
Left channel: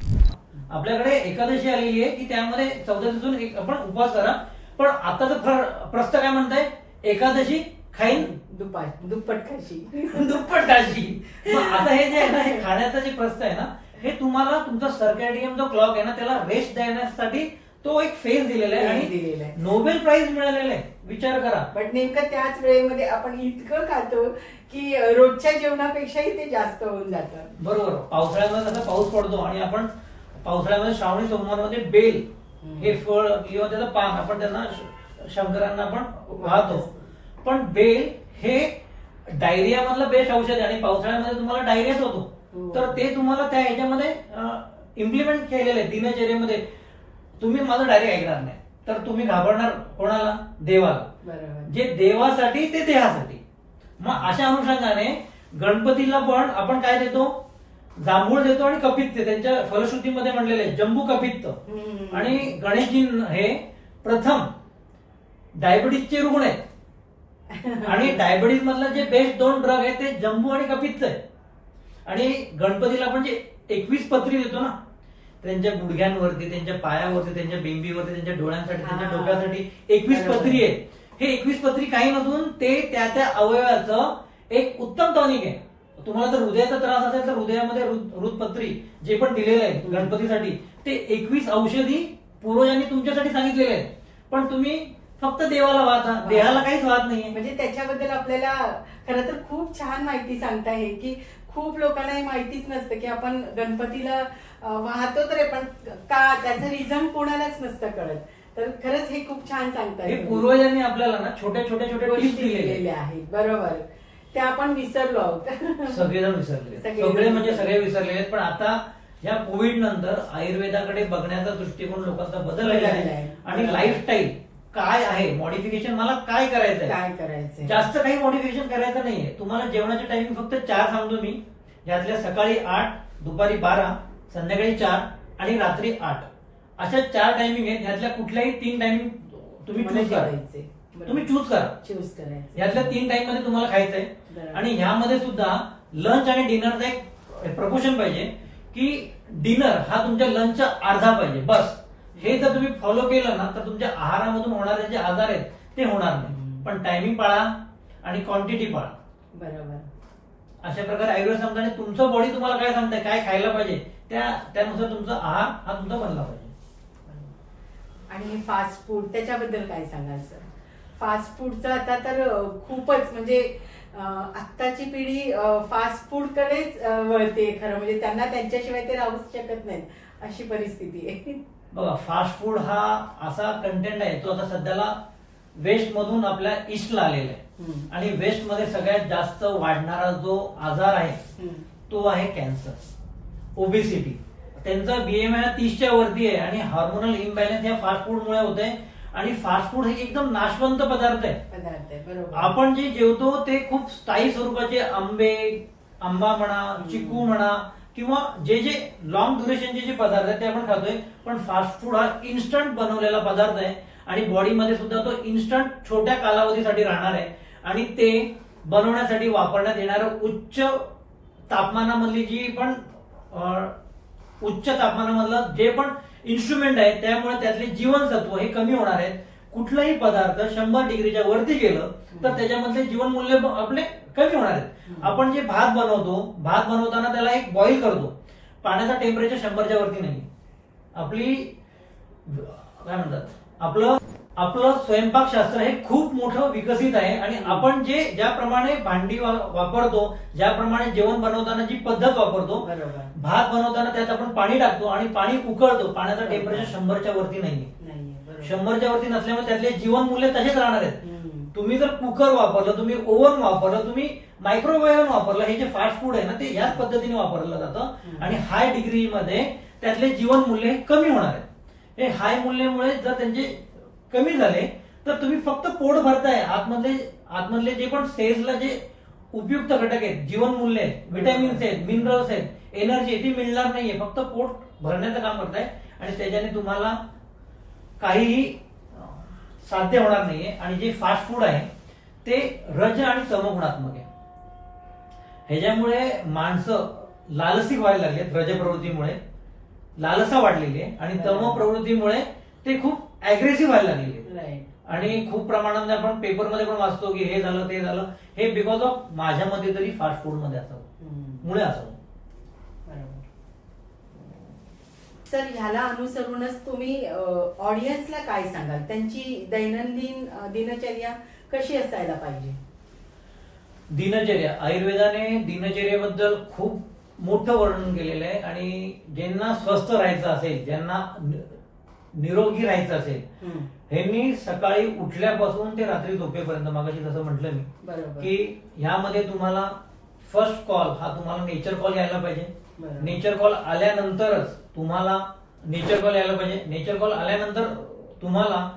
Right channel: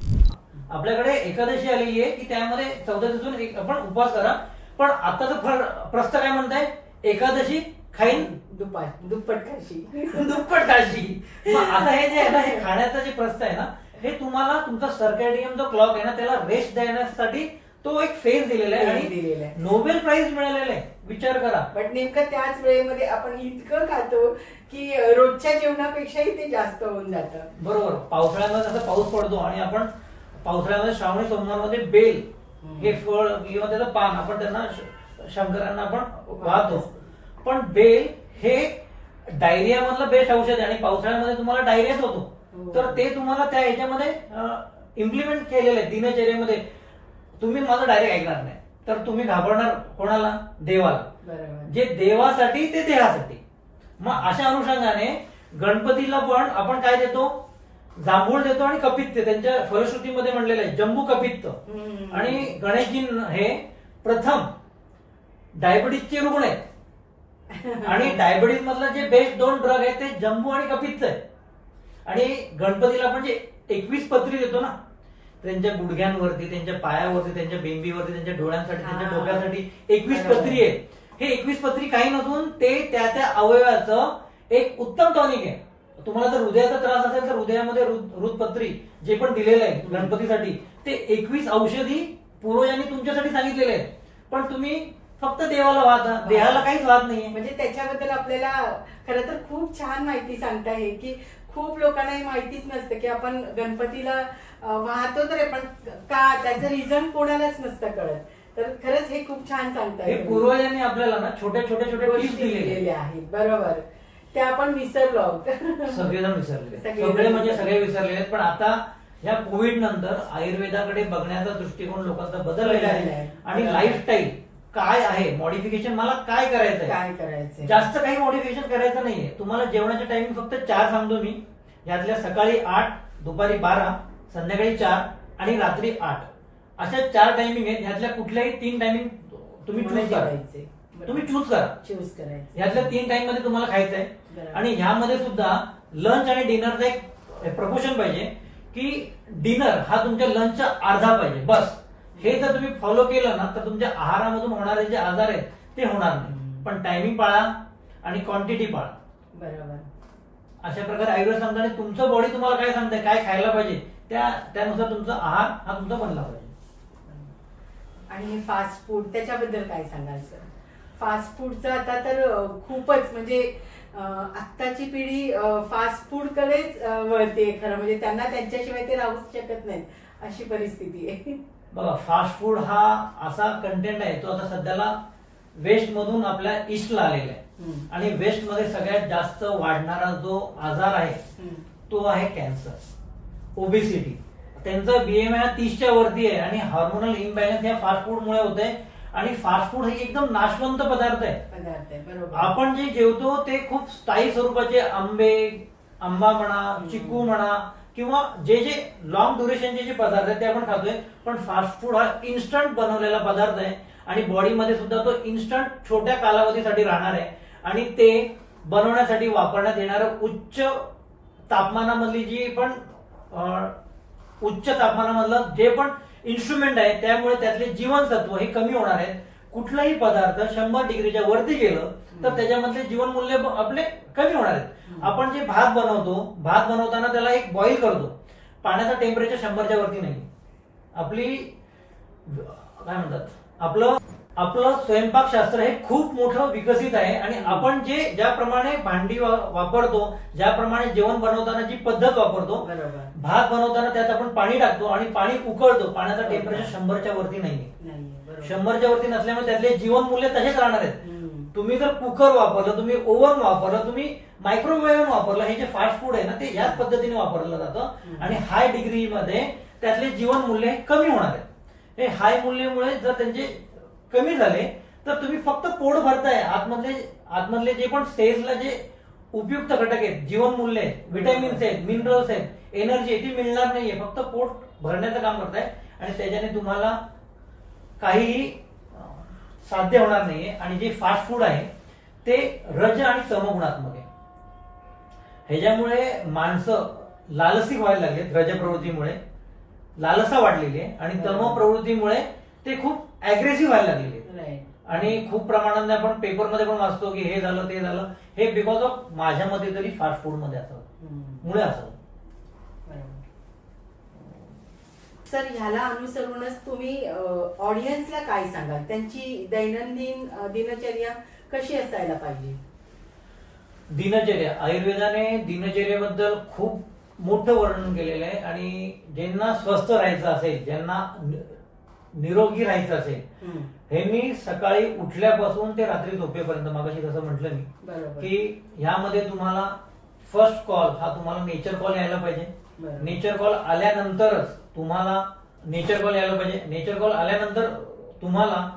आपल्याकडे एकादशी आलेली आहे की त्यामध्ये 14 दिवसून आपण उपवास करा. पण आताचं प्रस्थ काय म्हणताय? एकादशी खाईन दुप्पट काशी. दुप्पट काशी. आता हे जे आहे ना, हे खाण्याचं जे प्रस्थ आहे ना, हे तुम्हाला तुमचा सर्कॅडियन जो क्लॉक आहे ना त्याला रेस्ट देण्यासाठी तो एक फेज दिलेला आहे आणि नोबेल प्राइज मिळालेला आहे. विचार करा. पण नेमकं त्याच वेळेमध्ये आपण इतकं खातो की रोजच्या जेवणापेक्षाही ते जास्त होऊन जातं. बरोबर. पावसाळ्यामध्ये जसा पाऊस पडतो आणि आपण पावसाळ्यामध्ये श्रावणी सोमवारमध्ये बेल हे फळ किंवा त्याचं पान आपण त्यांना शंकरांना आपण वाहतो. पण बेल हे डायरिया मधलं बेस्ट औषध आहे आणि पावसाळ्यामध्ये तुम्हाला डायरियाच होतो. तर ते तुम्हाला त्या ह्याच्यामध्ये इम्प्लिमेंट केलेलं आहे दिनचर्येमध्ये. तुम्ही माझं डायरेक्ट ऐकणार नाही तर तुम्ही घाबरणार कोणाला? देवाला. जे देवासाठी ते देहासाठी. मग अशा अनुषंगाने गणपतीला पण आपण काय देतो? जांभूळ देतो आणि कपित्त. त्यांच्या फलश्रुतीमध्ये म्हणलेलं आहे जंबू कपित्त. आणि गणेशजी हे प्रथम डायबिटीजचे रुग्ण आहेत आणि डायबिटीज मधला जे बेस्ट 2 ड्रग आहेत ते जंबू आणि कपित्त आहे. आणि गणपतीला आपण जे 21 पत्री देतो ना, त्यांच्या गुडघ्यांवरती, त्यांच्या पायावरती, त्यांच्या बिंबीवरती, त्यांच्या डोळ्यांसाठी, त्यांच्या हा. डोक्यासाठी 21 पत्री आहेत. हे 21 पत्री काही नसून ते त्या त्या अवयवाचं एक उत्तम टॉनिक आहे. तुम्हाला जर हृदयाचा त्रास असेल तर हृदयामध्ये हृदपत्री जे पण दिलेलं आहे गणपतीसाठी, ते 21 औषधी पूर्वजांनी तुमच्यासाठी सांगितलेले आहेत. पण तुम्ही फक्त देवाला वाहता, देहाला काहीच वाहत नाहीये. म्हणजे त्याच्याबद्दल आपल्याला खरं तर खूप छान माहिती सांगता आहे की खूप लोकांना हे माहितीच नसतं की आपण गणपतीला वाहतो तर पण का त्याचं रिझन कोणालाच नसतं कळत. तर खरंच हे खूप छान सांगताय. हे पूर्वजांनी आपल्याला ना छोट्या छोट्या छोट्या टिप्स दिलेल्या आहेत. बरोबर, ते आपण विसरलो आहोत. सगळेजण विसरले, सगळे म्हणजे सगळे विसरले आहेत. पण आता या कोविड नंतर आयुर्वेदाकडे बघण्याचा दृष्टिकोन लोकांचा बदललेला आहे. आणि लाईफस्टाईल काय आहे, मॉडिफिकेशन मला काय करायचं आहे, काय करायचं, जास्त काही मॉडिफिकेशन करायचं नाहीये. तुम्हाला जेवणाचे टायमिंग फक्त 4 सांगतो मी. यातल्या सकाळी 8, दुपारी 12, संध्याकाळी 4 आणि रात्री 8 अशा 4 टायमिंग आहेत. यातल्या कुठल्याही 3 टायमिंग तुम्ही चूज करायचे, तुम्ही चूज करायचं. यातल्या 3 टाइम मध्ये तुम्हाला खायचंय. आणि ह्यामध्ये सुद्धा लंच आणि डिनरचा एक प्रपोर्शन पाहिजे की डिनर हा तुमच्या लंचचा अर्धा पाहिजे बस. हे जर तुम्ही फॉलो केलं ना तर तुमच्या आहारामधून होणारे जे आजार आहेत ते होणार नाही. पण टायमिंग पाळा आणि क्वांटिटी पाळा. बरोबर. अशा प्रकारे आयुर्वेद सांगताना तुमचं बॉडी तुम्हाला काय सांगताय, काय खायला पाहिजे, त्यानुसार तुमचा आहार हा तुमचा बनला पाहिजे. आणि फास्ट फूड त्याच्याबद्दल काय सांगाल सर? फास्ट फूडचं आता तर खूपच म्हणजे आत्ताची पिढी फास्ट फूड कडेच वळते खरं म्हणजे. त्यांना त्यांच्याशिवाय ते राहूच शकत नाहीत अशी परिस्थिती आहे. बघा, फास्ट फूड हा असा कंटेंट आहे तो आता सध्याला वेस्ट मधून आपल्या ईस्टला आलेला आहे. आणि वेस्ट मध्ये सगळ्यात जास्त वाढणारा जो आजार आहे तो आहे कॅन्सर, ओबेसिटी. त्यांचा बीएमआय 30च्या वरती आहे. आणि हार्मोनल इम्बॅलन्स या फास्ट फूड मुळे होते. आणि फास्ट फूड हे एकदम नाशवंत पदार्थ आहे. बरोबर. आपण जे जेवतो ते खूप स्थायी स्वरूपाचे आंबा म्हणा, चिकू म्हणा किंवा जे जे लॉंग ड्युरेशनचे जे पदार्थ आहेत ते आपण खातोय. पण फास्ट फूड हा इन्स्टंट बनवलेला पदार्थ आहे. आणि बॉडीमध्ये सुद्धा तो इन्स्टंट छोट्या कालावधीसाठी राहणार आहे. आणि ते बनवण्यासाठी वापरण्यात येणारं उच्च तापमानामधली जी पण उच्च तापमानामधलं जे पण इन्स्ट्रुमेंट आहे त्यामुळे त्यातले जीवनसत्व हे कमी होणार आहेत. कुठलाही पदार्थ 100 डिग्रीच्या वरती गेलं तर त्याच्यामधले जीवनमूल्य आपले कमी होणार आहेत. आपण जे भात बनवताना त्याला एक बॉईल करतो. पाण्याचा टेम्परेचर 100च्या वरती नाही. आपली काय म्हणतात आपलं स्वयंपाकशास्त्र हे खूप मोठं विकसित आहे. आणि आपण ज्याप्रमाणे भांडी वापरतो, ज्याप्रमाणे जेवण बनवताना जी पद्धत वापरतो, भात बनवताना त्यात आपण पाणी टाकतो आणि पाणी उकळतो. पाण्याचा टेम्परेचर 100च्या वरती नाहीये. 100च्या वरती नसल्यामुळे त्यातले जीवनमूल्य तसेच राहणार आहेत. तुम्ही जर कुकर वापरलं, तुम्ही ओव्हन वापरलं, तुम्ही मायक्रोवेव्ह वापरलं, हे जे फास्ट फूड आहे ना ते याच पद्धतीने वापरलं जातं. आणि हाय डिग्रीमध्ये त्यातले जीवनमूल्य कमी होणार आहेत. हे हाय मूल्यामुळे जर त्यांचे कमी झाले तर तुम्ही फक्त पोट भरताय. आतमधले जे पण सेल्सला जे उपयुक्त घटक आहेत, जीवनमूल्य आहेत, व्हिटॅमिन्स आहेत, मिनरल्स आहेत, एनर्जी ती मिळणार नाहीये. फक्त पोट भरण्याचं काम करताय. आणि त्याच्याने तुम्हाला काहीही साध्य होणार नाहीये. आणि जे फास्ट फूड आहे ते रज आणि तमगुणात्मक आहे. ह्याच्यामुळे माणसं लालसिक व्हायला लागलेत. रज प्रवृत्तीमुळे लालसा वाढलेली आहे. आणि तम प्रवृत्तीमुळे ते खूप अग्रेसिव्ह व्हायला लागलेले. आणि खूप प्रमाणात आपण पेपरमध्ये पण वाचतो की हे झालं ते झालं. हे बिकॉज ऑफ माझ्या मते तरी फास्ट फूड मध्ये असावं, मुळे असावं. सर, ह्याला अनुसरूनच तुम्ही ऑडियन्सला काय सांगाल? त्यांची दैनंदिन दिनचर्या कशी असायला पाहिजे? दिनचर्या, आयुर्वेदाने दिनचर्याबद्दल खूप मोठं वर्णन केलेलं आहे. आणि ज्यांना स्वस्थ राहायचं असेल, ज्यांना निरोगी राहायचं असेल, ह्यांनी सकाळी उठल्यापासून ते रात्री झोपेपर्यंत, मगाशी जसं म्हटलं मी की ह्यामध्ये तुम्हाला फर्स्ट कॉल हा तुम्हाला नेचर कॉल यायला पाहिजे. नेचर कॉल आल्यानंतरच तुम्हाला नेचर कॉल आल्यानंतर तुम्हाला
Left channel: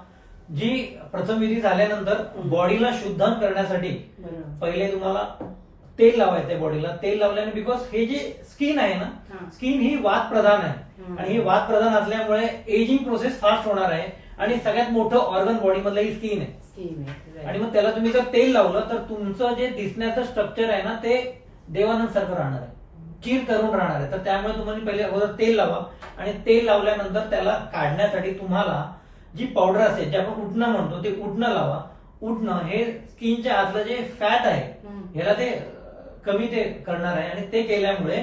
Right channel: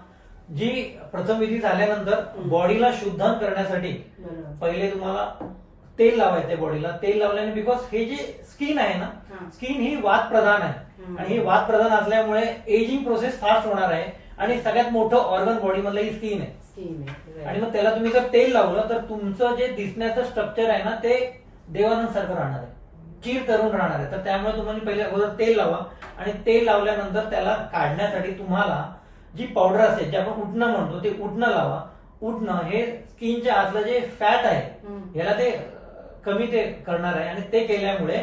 जी प्रथमविधी झाल्यानंतर बॉडीला शुद्ध करण्यासाठी पहिले तुम्हाला तेल लावायचंय बॉडीला. तेल लावल्याने बिकॉज हे जे स्किन आहे ना, स्किन ही वात प्रधान आहे. आणि ही वात प्रधान असल्यामुळे एजिंग प्रोसेस फास्ट होणार आहे. आणि सगळ्यात मोठं ऑर्गन बॉडी मधलं ही स्किन आहे. आणि मग त्याला तुम्ही जर तेल लावलं तर तुमचं जे दिसण्याचं स्ट्रक्चर आहे ना ते देवानंद सारखं राहणार आहे. चीर तरुण राहणार आहे. तर त्यामुळे तुम्हाला पहिले अगोदर तेल लावा आणि तेल लावल्यानंतर त्याला काढण्यासाठी तुम्हाला जी पावडर असेल जे आपण उठणं म्हणतो ते उठणं लावा. उठणं हे स्किनच्या आतलं जे फॅट आहे याला ते कमी ते करणार आहे आणि ते केल्यामुळे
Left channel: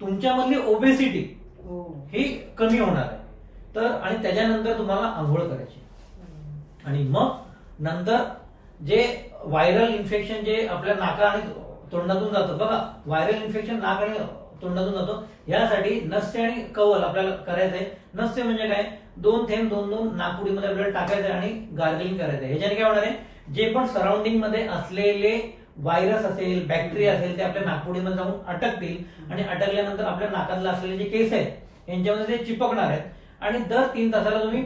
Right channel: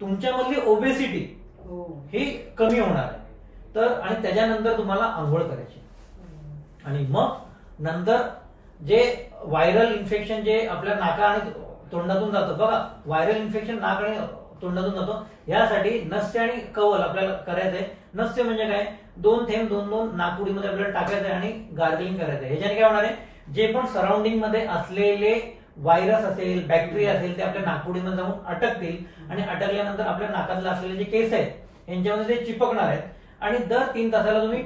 तुमच्यामधली ओबेसिटी ही कमी होणार आहे. तर आणि त्याच्यानंतर तुम्हाला आंघोळ करायची आणि मग नंतर जे व्हायरल इन्फेक्शन जे आपल्या नाका आणि तोंडातून जातं बघा, व्हायरल इन्फेक्शन नाक आणि तोंडातून जातो, यासाठी नस्य आणि कवल आपल्याला करायचंय. नस्य म्हणजे काय, 2 थेंब 2 नाकपुडीमध्ये आपल्याला टाकायचंय आणि गार्गलिंग करायचंय. ह्याच्याने काय होणार आहे, जे पण सराउंडिंग मध्ये असलेले व्हायरस असेल बॅक्टेरिया असेल ते आपल्या नाकपुडीमध्ये जाऊन अटकतील आणि अटकल्यानंतर आपल्या नाकातले असलेले जे केस आहेत यांच्यामध्ये ते चिपकणार आहेत आणि दर 3 तासाला तुम्ही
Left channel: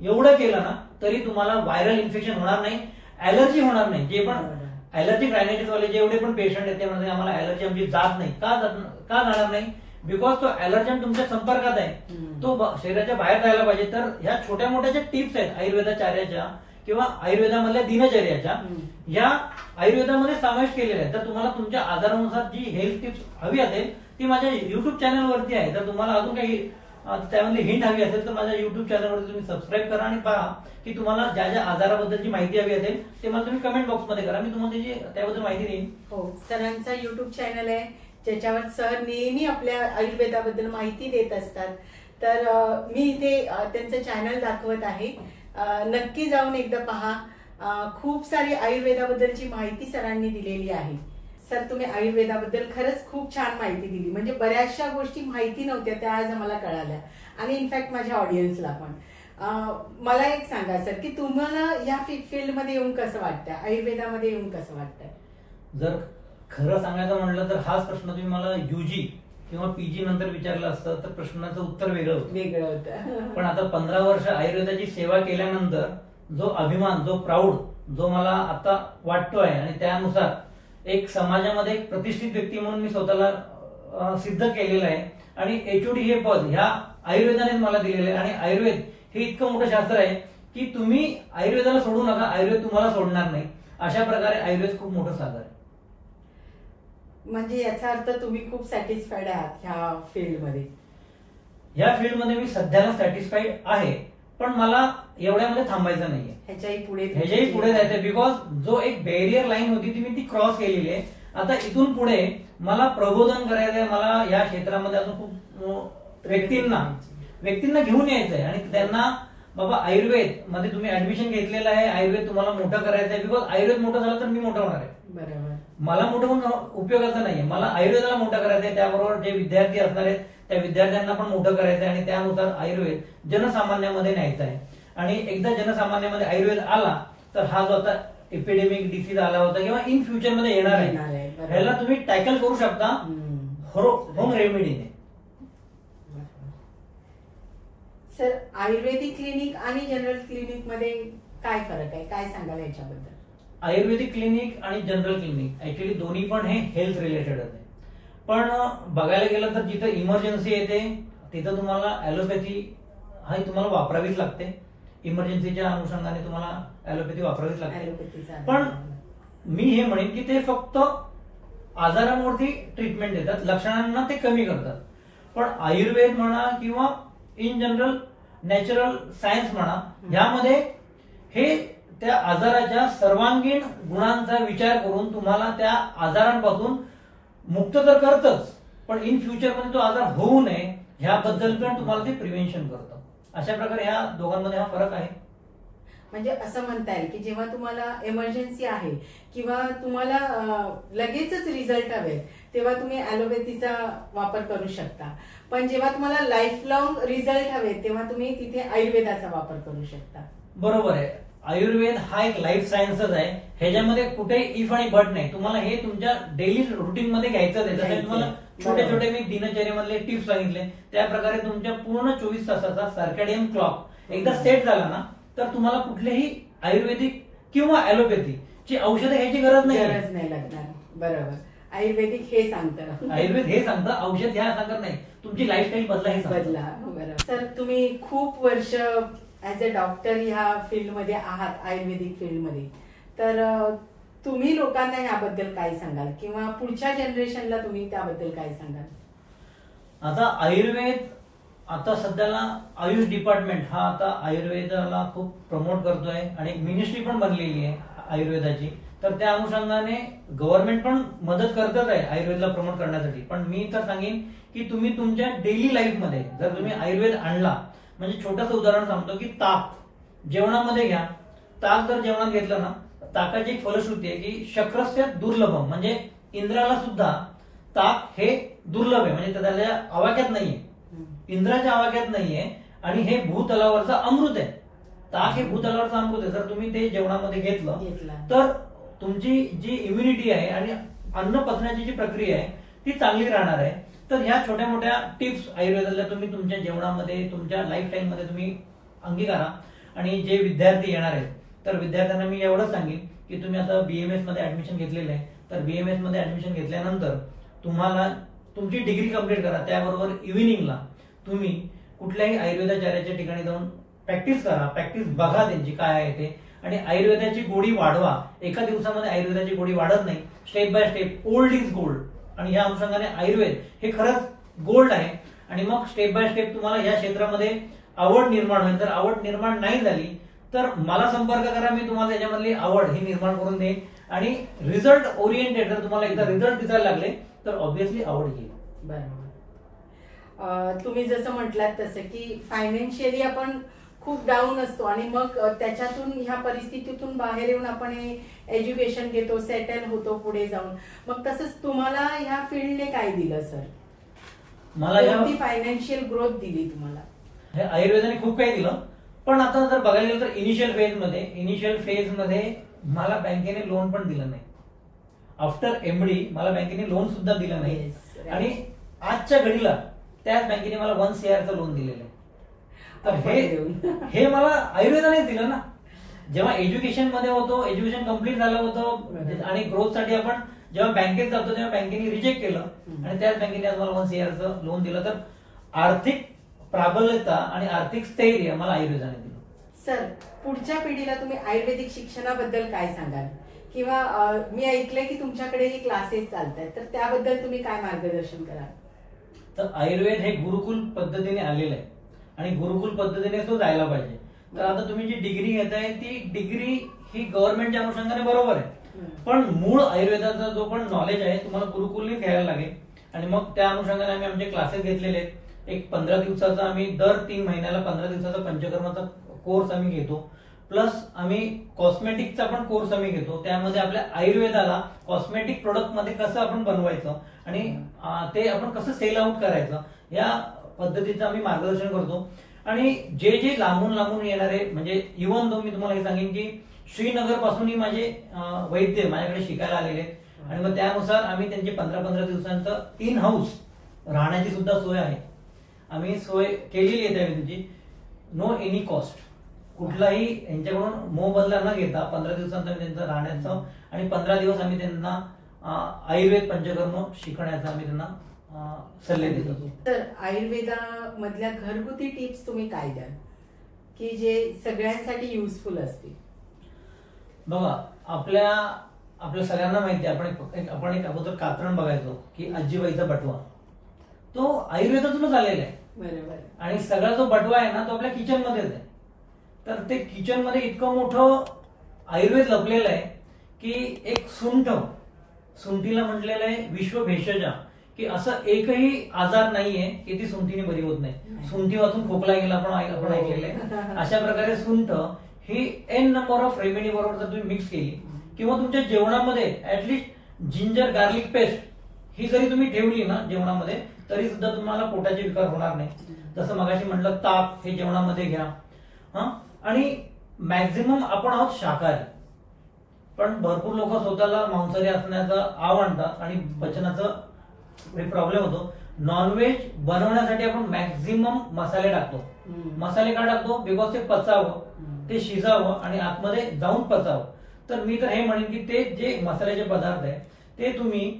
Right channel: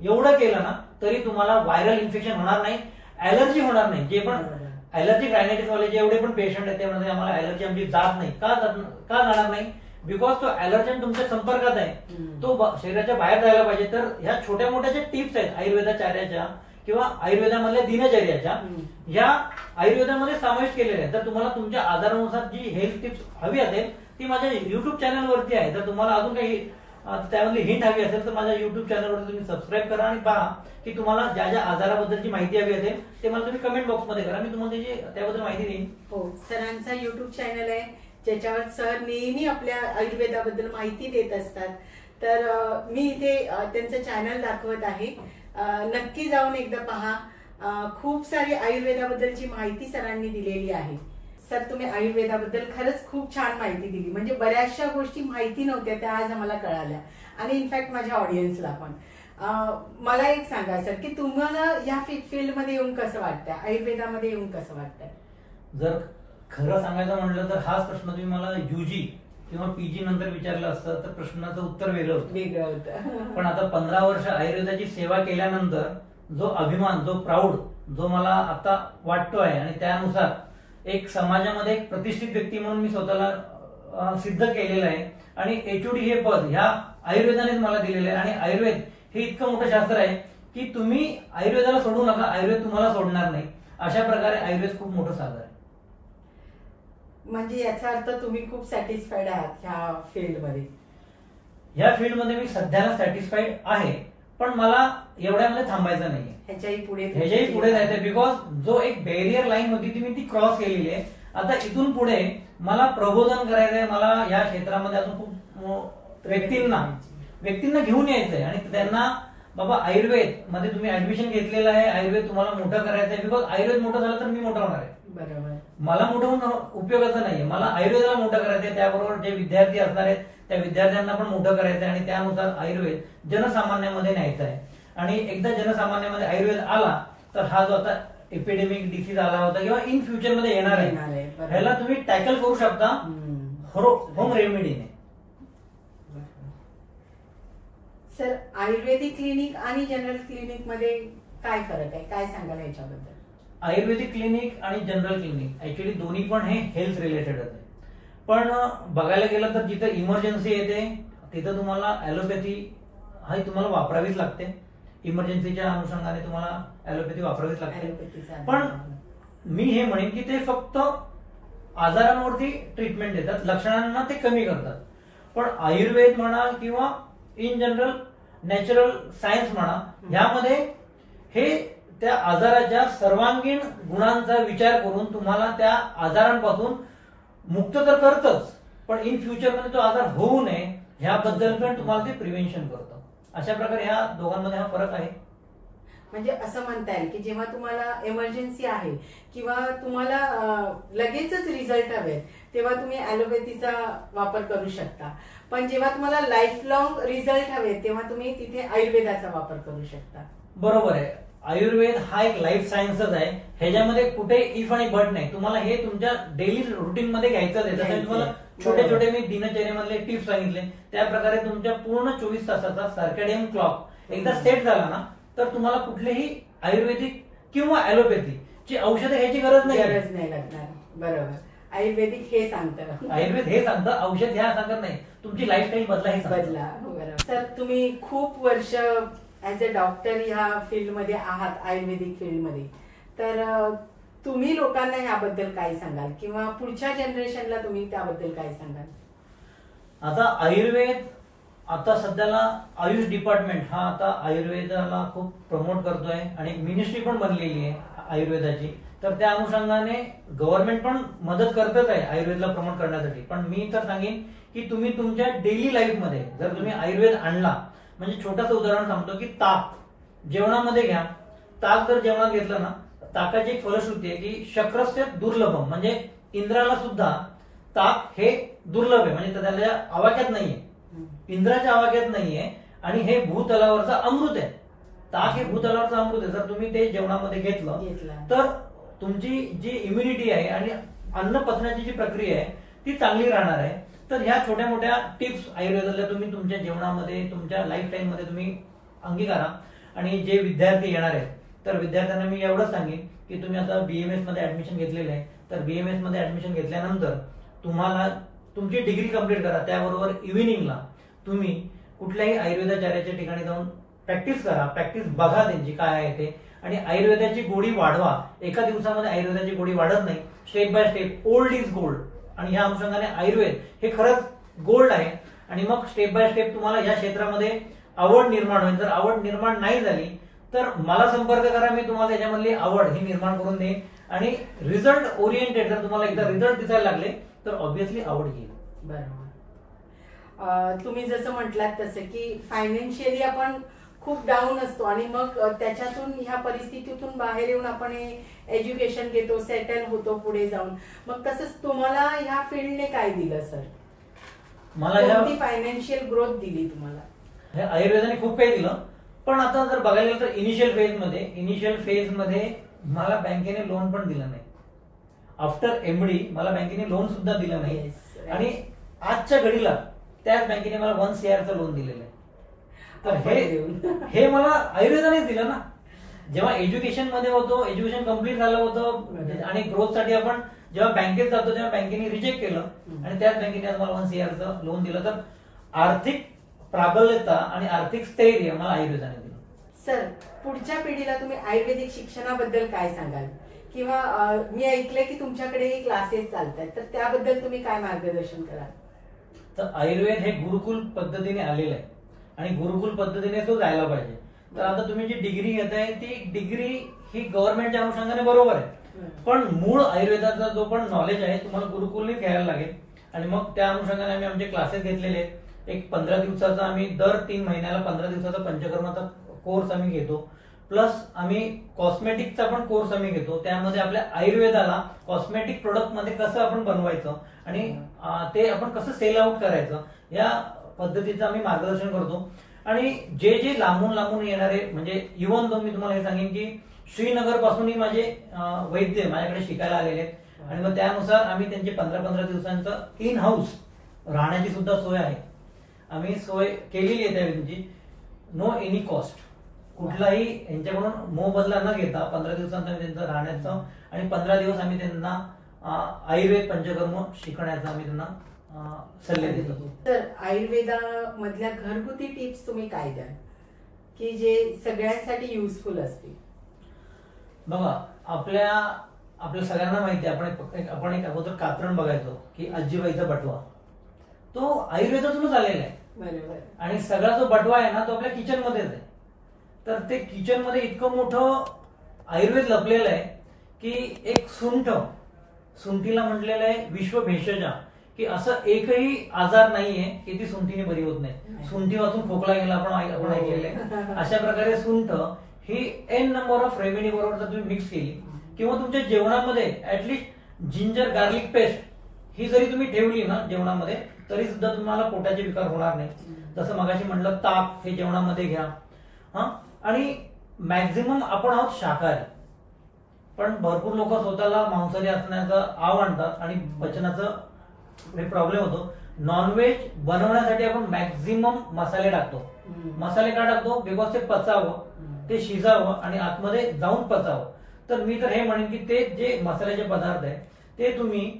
एवढं केलं ना तरी तुम्हाला व्हायरल इन्फेक्शन होणार नाही, ऍलर्जी होणार नाही. जे पण ऍलर्जिक रायनायटिस वाले जेवढे पण पेशंट आहेत ते म्हणतात आम्हाला ऍलर्जी आमची जात नाही. का जाणार नाही, बिकॉज तो ऍलर्जन तुमच्या संपर्कात आहे, तो शरीराच्या बाहेर जायला पाहिजे. तर ह्या छोट्या मोठ्या ज्या टिप्स आहेत आयुर्वेदाचार्याच्या किंवा आयुर्वेदामधल्या दिनचर्याच्या, या आयुर्वेदामध्ये समावेश केलेल्या आहेत. तर तुम्हाला तुमच्या आजारानुसार जी हेल्थ टिप्स हवी असेल ती माझ्या युट्यूब चॅनलवरती आहे. तर तुम्हाला अजून काही त्यामध्ये हिंट हवी असेल तर माझ्या युट्यूब चॅनलवरती तुम्ही सबस्क्राईब करा आणि पहा की तुम्हाला ज्या ज्या आजाराबद्दलची माहिती हवी असेल ते मला तुम्ही कमेंट बॉक्समध्ये करा, मी तुम्हाला त्याची त्याबद्दल माहिती देईन. हो, सरांचा युट्यूब चॅनल आहे ज्याच्यावर सर नेहमी आपल्या आयुर्वेदाबद्दल माहिती देत असतात. तर मी इथे त्यांचं चॅनल दाखवत आहे, नक्की जाऊन एकदा पहा. खूप सारी आयुर्वेदाबद्दलची माहिती सरांनी दिलेली आहे. सर, तुम्ही आयुर्वेदाबद्दल खरंच खूप छान माहिती दिली. म्हणजे बऱ्याचशा गोष्टी माहिती नव्हत्या त्या आज आम्हाला कळाल्या आणि इनफॅक्ट माझ्या ऑडियन्सला पण. मला एक सांगा सर की तुम्हाला या फील्डमध्ये येऊन कसं वाटतंय, आयुर्वेदामध्ये येऊन कसं वाटतंय? जर खरं सांगायचं म्हटलं तर हाच प्रश्न तुम्ही मला युजी किंवा पीजी नंतर विचारलं असतं तर प्रश्नाचं उत्तर वेगळं होतं. पण आता 15 वर्ष आयुर्वेदाची सेवा केल्यानंतर जो अभिमान, जो प्राऊड जो मला आता वाटतो आहे आणि त्यानुसार एक समाजामध्ये एक प्रतिष्ठित व्यक्ती म्हणून मी स्वतःला सिद्ध केलेलं आहे आणि एचओडी हे पद ह्या आयुर्वेदानेच मला दिलेलं आहे. आणि आयुर्वेद हे इतकं मोठं शास्त्र आहे की तुम्ही आयुर्वेदाला सोडू नका, आयुर्वेद तुम्हाला सोडणार नाही. अशा प्रकारे आयुर्वेद खूप मोठं साधन आहे. म्हणजे याचा अर्थ तुम्ही खूप सॅटिस्फाईड आहात ह्या फील्डमध्ये? ह्या फील्डमध्ये मी सध्याला सॅटिस्फाईड आहे, पण मला एवढ्यामध्ये थांबायचं नाहीये, ह्याच्याही पुढे जायचंय. बिकॉज जो एक बॅरियर लाईन होती ती मी ती क्रॉस केलेली आहे. आता इथून पुढे मला प्रबोधन करायचंय, मला या क्षेत्रामध्ये अजून खूप व्यक्तींना घेऊन यायचंय आणि त्यांना बाबा आयुर्वेद मध्ये तुम्ही ऍडमिशन घेतलेलं आहे, आयुर्वेद तुम्हाला मोठं करायचंय. बिकॉज आयुर्वेद मोठं झालं तर मी मोठं होणार आहे. बरोबर, मला मोठं होऊन उपयोगाचं नाहीये, मला आयुर्वेदाला मोठं करायचंय. त्याबरोबर जे विद्यार्थी असणार आहेत त्या विद्यार्थ्यांना पण मोठं करायचंय आणि त्यानुसार आयुर्वेद जनसामान्यामध्ये न्यायचं आहे. आणि एकदा जनसामान्यामध्ये आयुर्वेद आला तर हा जो आता एपिडेमिक डिसीज आला होता किंवा इन फ्युचर मध्ये येणार आहे ह्याला तुम्ही टॅकल करू शकता होम रेमेडीने. सर, आयुर्वेदिक क्लिनिक आणि जनरल क्लिनिक मध्ये काय फरक आहे, काय सांगाल याच्याबद्दल? आयुर्वेदिक क्लिनिक आणि जनरल क्लिनिक ऍक्च्युली दोन्ही पण हे हेल्थ रिलेटेड आहे. पण बघायला गेलं तर जिथं इमर्जन्सी येते तिथं तुम्हाला ऍलोपॅथी हा तुम्हाला वापरावीच लागते. इमर्जन्सीच्या अनुषंगाने तुम्हाला ऍलोपॅथी वापरावीच लागते. पण मी हे म्हणेन की ते फक्त आजारांवरती ट्रीटमेंट देतात, लक्षणांना ते कमी करतात. पण आयुर्वेद म्हणा किंवा इन जनरल नॅचरल सायन्स म्हणा, यामध्ये हे त्या आजाराच्या सर्वांगीण गुणांचा विचार करून तुम्हाला त्या आजारांपासून मुक्त तर करतच, पण इन फ्युचर मध्ये तो आजार होऊ नये ह्याबद्दल पण तुम्हाला ते प्रिव्हेन्शन करतं. अशा प्रकारे ह्या दोघांमध्ये हा फरक आहे. म्हणजे असं म्हणता येईल की जेव्हा तुम्हाला इमर्जन्सी आहे किंवा तुम्हाला लगेचच रिझल्ट हवे तेव्हा तुम्ही ऍलोपॅथीचा वापर करू शकता, पण जेव्हा तुम्हाला लाईफ लॉंग रिझल्ट हवे तेव्हा तुम्ही तिथे आयुर्वेदाचा वापर करू शकता. बरोबर आहे. आयुर्वेद हा एक लाईफ सायन्सच आहे, ह्याच्यामध्ये कुठे इफ आणि बट नाही. तुम्हाला हे तुमच्या डेली रुटीन मध्ये घ्यायचंच आहे. जसं तुम्हाला छोटे छोटे मी दिनचर्येमधले टिप्स सांगितले त्या प्रकारे तुमच्या पूर्ण 24 तासाचा सर्कॅडियन क्लॉक एकदा सेट झाला ना तर तुम्हाला कुठलेही आयुर्वेदिक किंवा ऍलोपॅथी ची औषधं घ्यायची गरज नाही लागणार. बरोबर, आयुर्वेदिक हे सांगतं, आयुर्वेद हे सांगतं, औषध घ्या सांगत नाही, तुमची लाईफस्टाईल बदला. बरोबर. तर तुम्ही खूप वर्ष ऍज अ डॉक्टर ह्या फील्डमध्ये आहात, आयुर्वेदिक फील्डमध्ये, तर तुम्ही लोकांना याबद्दल काय सांगाल किंवा पुढच्या जनरेशनला तुम्ही त्याबद्दल काय सांगाल? आता आयुर्वेद आता सध्याला आयुष डिपार्टमेंट हा आता आयुर्वेदाला खूप प्रमोट करतोय आणि मिनिस्ट्री पण बनलेली आहे आयुर्वेदाची. तर त्या अनुषंगाने गव्हर्नमेंट पण मदत करतच आहे आयुर्वेदला प्रमोट करण्यासाठी. पण मी तर सांगेन की तुम्ही तुमच्या डेली लाईफमध्ये जर तुम्ही आयुर्वेद आणला, म्हणजे छोटंसं उदाहरण सांगतो की ताक जेवणामध्ये घ्या. ताक जर जेवणात घेतलं ना, ताकाची एक फलश्रुती आहे की शक्रस्य दुर्लभम, म्हणजे इंद्राला सुद्धा ताक हे दुर्लभ आहे, म्हणजे त्याच्या आवाक्यात नाहीये, इंद्राच्या आवाक्यात नाहीये. आणि हे भूतलावरचं अमृत आहे. ताक हे भूतलावरचं अमृत आहे. जर तुम्ही ते जेवणामध्ये घेतलं तर तुमची जी इम्युनिटी आहे आणि अन्न पचण्याची जी प्रक्रिया आहे ती चांगली राहणार आहे. तर ह्या छोट्या मोठ्या टिप्स आयुर्वेदाला तुम्ही तुमच्या जेवणामध्ये, तुमच्या लाईफस्टाईल मध्ये तुम्ही अंगीकारा. आणि जे विद्यार्थी येणार आहेत तर विद्यार्थ्यांना मी एवढंच सांगेन की तुम्ही आता बीएमएस मध्ये ऍडमिशन घेतलेलं आहे, तर बीएमएस मध्ये ऍडमिशन घेतल्यानंतर तुम्हाला तुमची डिग्री कंप्लीट करा. त्याबरोबर इव्हिनिंगला तुम्ही कुठल्याही आयुर्वेदाचार्याच्या ठिकाणी जाऊन प्रॅक्टिस करा, प्रॅक्टिस बघा त्यांची काय आहे ते, आणि आयुर्वेदाची गोडी वाढवा. एका दिवसामध्ये आयुर्वेदाची गोडी वाढत नाही, step by step. Old is gold, आणि या अनुषंगाने आयुर्वेद हे खरंच गोल्ड आहे. आणि मग स्टेप बाय स्टेप तुम्हाला या क्षेत्रामध्ये आवड निर्माण होईल. जर आवड निर्माण नाही झाली तर मला संपर्क करा, मी तुम्हाला याच्यामधली आवड ही निर्माण करून देईन. आणि रिझल्ट ओरिएंटेड, जर तुम्हाला एकदा रिझल्ट दिसायला लागले तर ऑब्व्हियसली आवड येईल. बरोबर. तुम्ही जसं म्हटलात तसं की फायनान्शियली आपण खूप डाऊन असतो आणि मग त्याच्यातून ह्या परिस्थितीतून बाहेर येऊन आपण एज्युकेशन घेतो, सेटल होतो पुढे जाऊन. मग तसंच तुम्हाला ह्या फील्डने काय दिलं सर? मला कोणती फायनान्शियल ग्रोथ दिली तुम्हाला? हे आयुर्वेदाने खूप काही दिलं. पण आता जर बघायला गेलं तर इनिशियल फेज मध्ये मला बँकेने लोन पण दिलं नाही. आफ्टर एमडी मला बँकेने लोन सुद्धा दिलं नाही. आणि आजच्या घडीला त्याच बँकेने मला 1 CR लोन दिलेलं आहे. तर हे मला आयुर्वेदानेच दिलं ना. जेव्हा एज्युकेशन मध्ये होतो, एज्युकेशन कम्प्लीट झालं होतं आणि ग्रोथ साठी आपण जेव्हा बँकेत जातो तेव्हा बँकेने रिजेक्ट केलं आणि त्याच बँकेने आज मला 1 CR लोन दिलं. तर आर्थिक प्राबल्यता आणि आर्थिक स्थैर्य मला आयुर्वेदाने दिलं. सर, पुढच्या पिढीला तुम्ही आयुर्वेदिक शिक्षणाबद्दल काय सांगाल? किंवा मी ऐकलंय की तुमच्याकडेही क्लासेस चालतात, तर त्याबद्दल तुम्ही काय मार्गदर्शन कराल? तर आयुर्वेद हे गुरुकुल पद्धतीने आलेलं आहे आणि गुरुकुल पद्धतीने तो जायला पाहिजे. तर आता तुम्ही जी डिग्री घेताय ती डिग्री ही गव्हर्नमेंटच्या अनुषंगाने बरोबर आहे, पण मूळ आयुर्वेदाचा जो पण नॉलेज आहे तुम्हाला गुरुकुलने घ्यायला लागेल. आणि मग त्या अनुषंगाने आम्ही आमचे क्लासेस घेतलेले आहेत. एक 15 दिवसाचा आम्ही दर 3 महिन्याला 15 दिवसाचा पंचकर्माचा कोर्स आम्ही घेतो. प्लस आम्ही कॉस्मेटिकचा पण कोर्स आम्ही घेतो. त्यामध्ये आपल्या आयुर्वेदाला कॉस्मेटिक प्रोडक्ट मध्ये कसं आपण बनवायचं आणि ते आपण कसं सेल आउट करायचं या पद्धतीचं आम्ही मार्गदर्शन करतो. आणि जे जे लांबून येणारे, म्हणजे इव्हन दो मी तुम्हाला हे सांगेन की श्रीनगर पासूनही माझे वैद्य माझ्याकडे शिकायला आलेले आहेत आणि मग त्यानुसार आम्ही त्यांचे 15-15 दिवसांचं इन हाऊस राहण्याची सुद्धा सोय आहे. आम्ही सोय केलेली आहे त्यांची, नो एनी कॉस्ट. कुठलाही यांच्याकडून मोबदला न घेता 15 दिवसांचा त्यांचं राहण्याचं आणि 15 दिवस आम्ही त्यांना आयुर्वेद पंचकर्म शिकण्याचा आम्ही त्यांना सल्ले देतो. तर आयुर्वेदामधल्या घरगुती टिप्स तुम्ही काय द्याल की जे सगळ्यांसाठी युजफुल असतील? बघा, आपल्या सगळ्यांना माहिती आहे, आपण एक अगोदर कात्रण बघायचो की आजीबाईचा बटवा, तो आयुर्वेदातूनच आलेला आहे. बरोबर. आणि सगळा जो बटवा आहे ना तो आपल्या किचन मध्येच आहे. तर ते किचन मध्ये इतकं मोठं आयुर्वेद लपलेलं आहे की एक सुंठीला म्हटलेलं आहे विश्व भेषजा, की असं एकही आजार नाहीये की ती सुंठीने बरी होत नाही. सुंठी वाचून खोकला गेला आपण ऐकलेलं आहे. अशा प्रकारे सुंठ ही एन नंबर ऑफ रेमेडी बरोबर जर तुम्ही मिक्स केली किंवा तुमच्या जेवणामध्ये ऍटलिस्ट जिंजर गार्लिक पेस्ट ही जरी तुम्ही ठेवली ना जेवणामध्ये, तरी सुद्धा तुम्हाला पोटाचे विकार होणार नाही. जसं मगाशी म्हटलं ताक हे जेवणामध्ये घ्या. आणि मॅक्झिमम आपण आहोत शाकाहारी, पण भरपूर लोक स्वतःला मांसाहारी असण्याचं आव आणतात आणि पचनाचं प्रॉब्लेम होतो. नॉनव्हेज बनवण्यासाठी आपण मॅक्झिमम मसाले टाकतो. मसाले का टाकतो? बिकॉज ते पचावं, ते शिजावं आणि आतमध्ये जाऊन पचावं. तर मी तर हे म्हणेन की ते जे मसाल्याचे पदार्थ आहे ते तुम्ही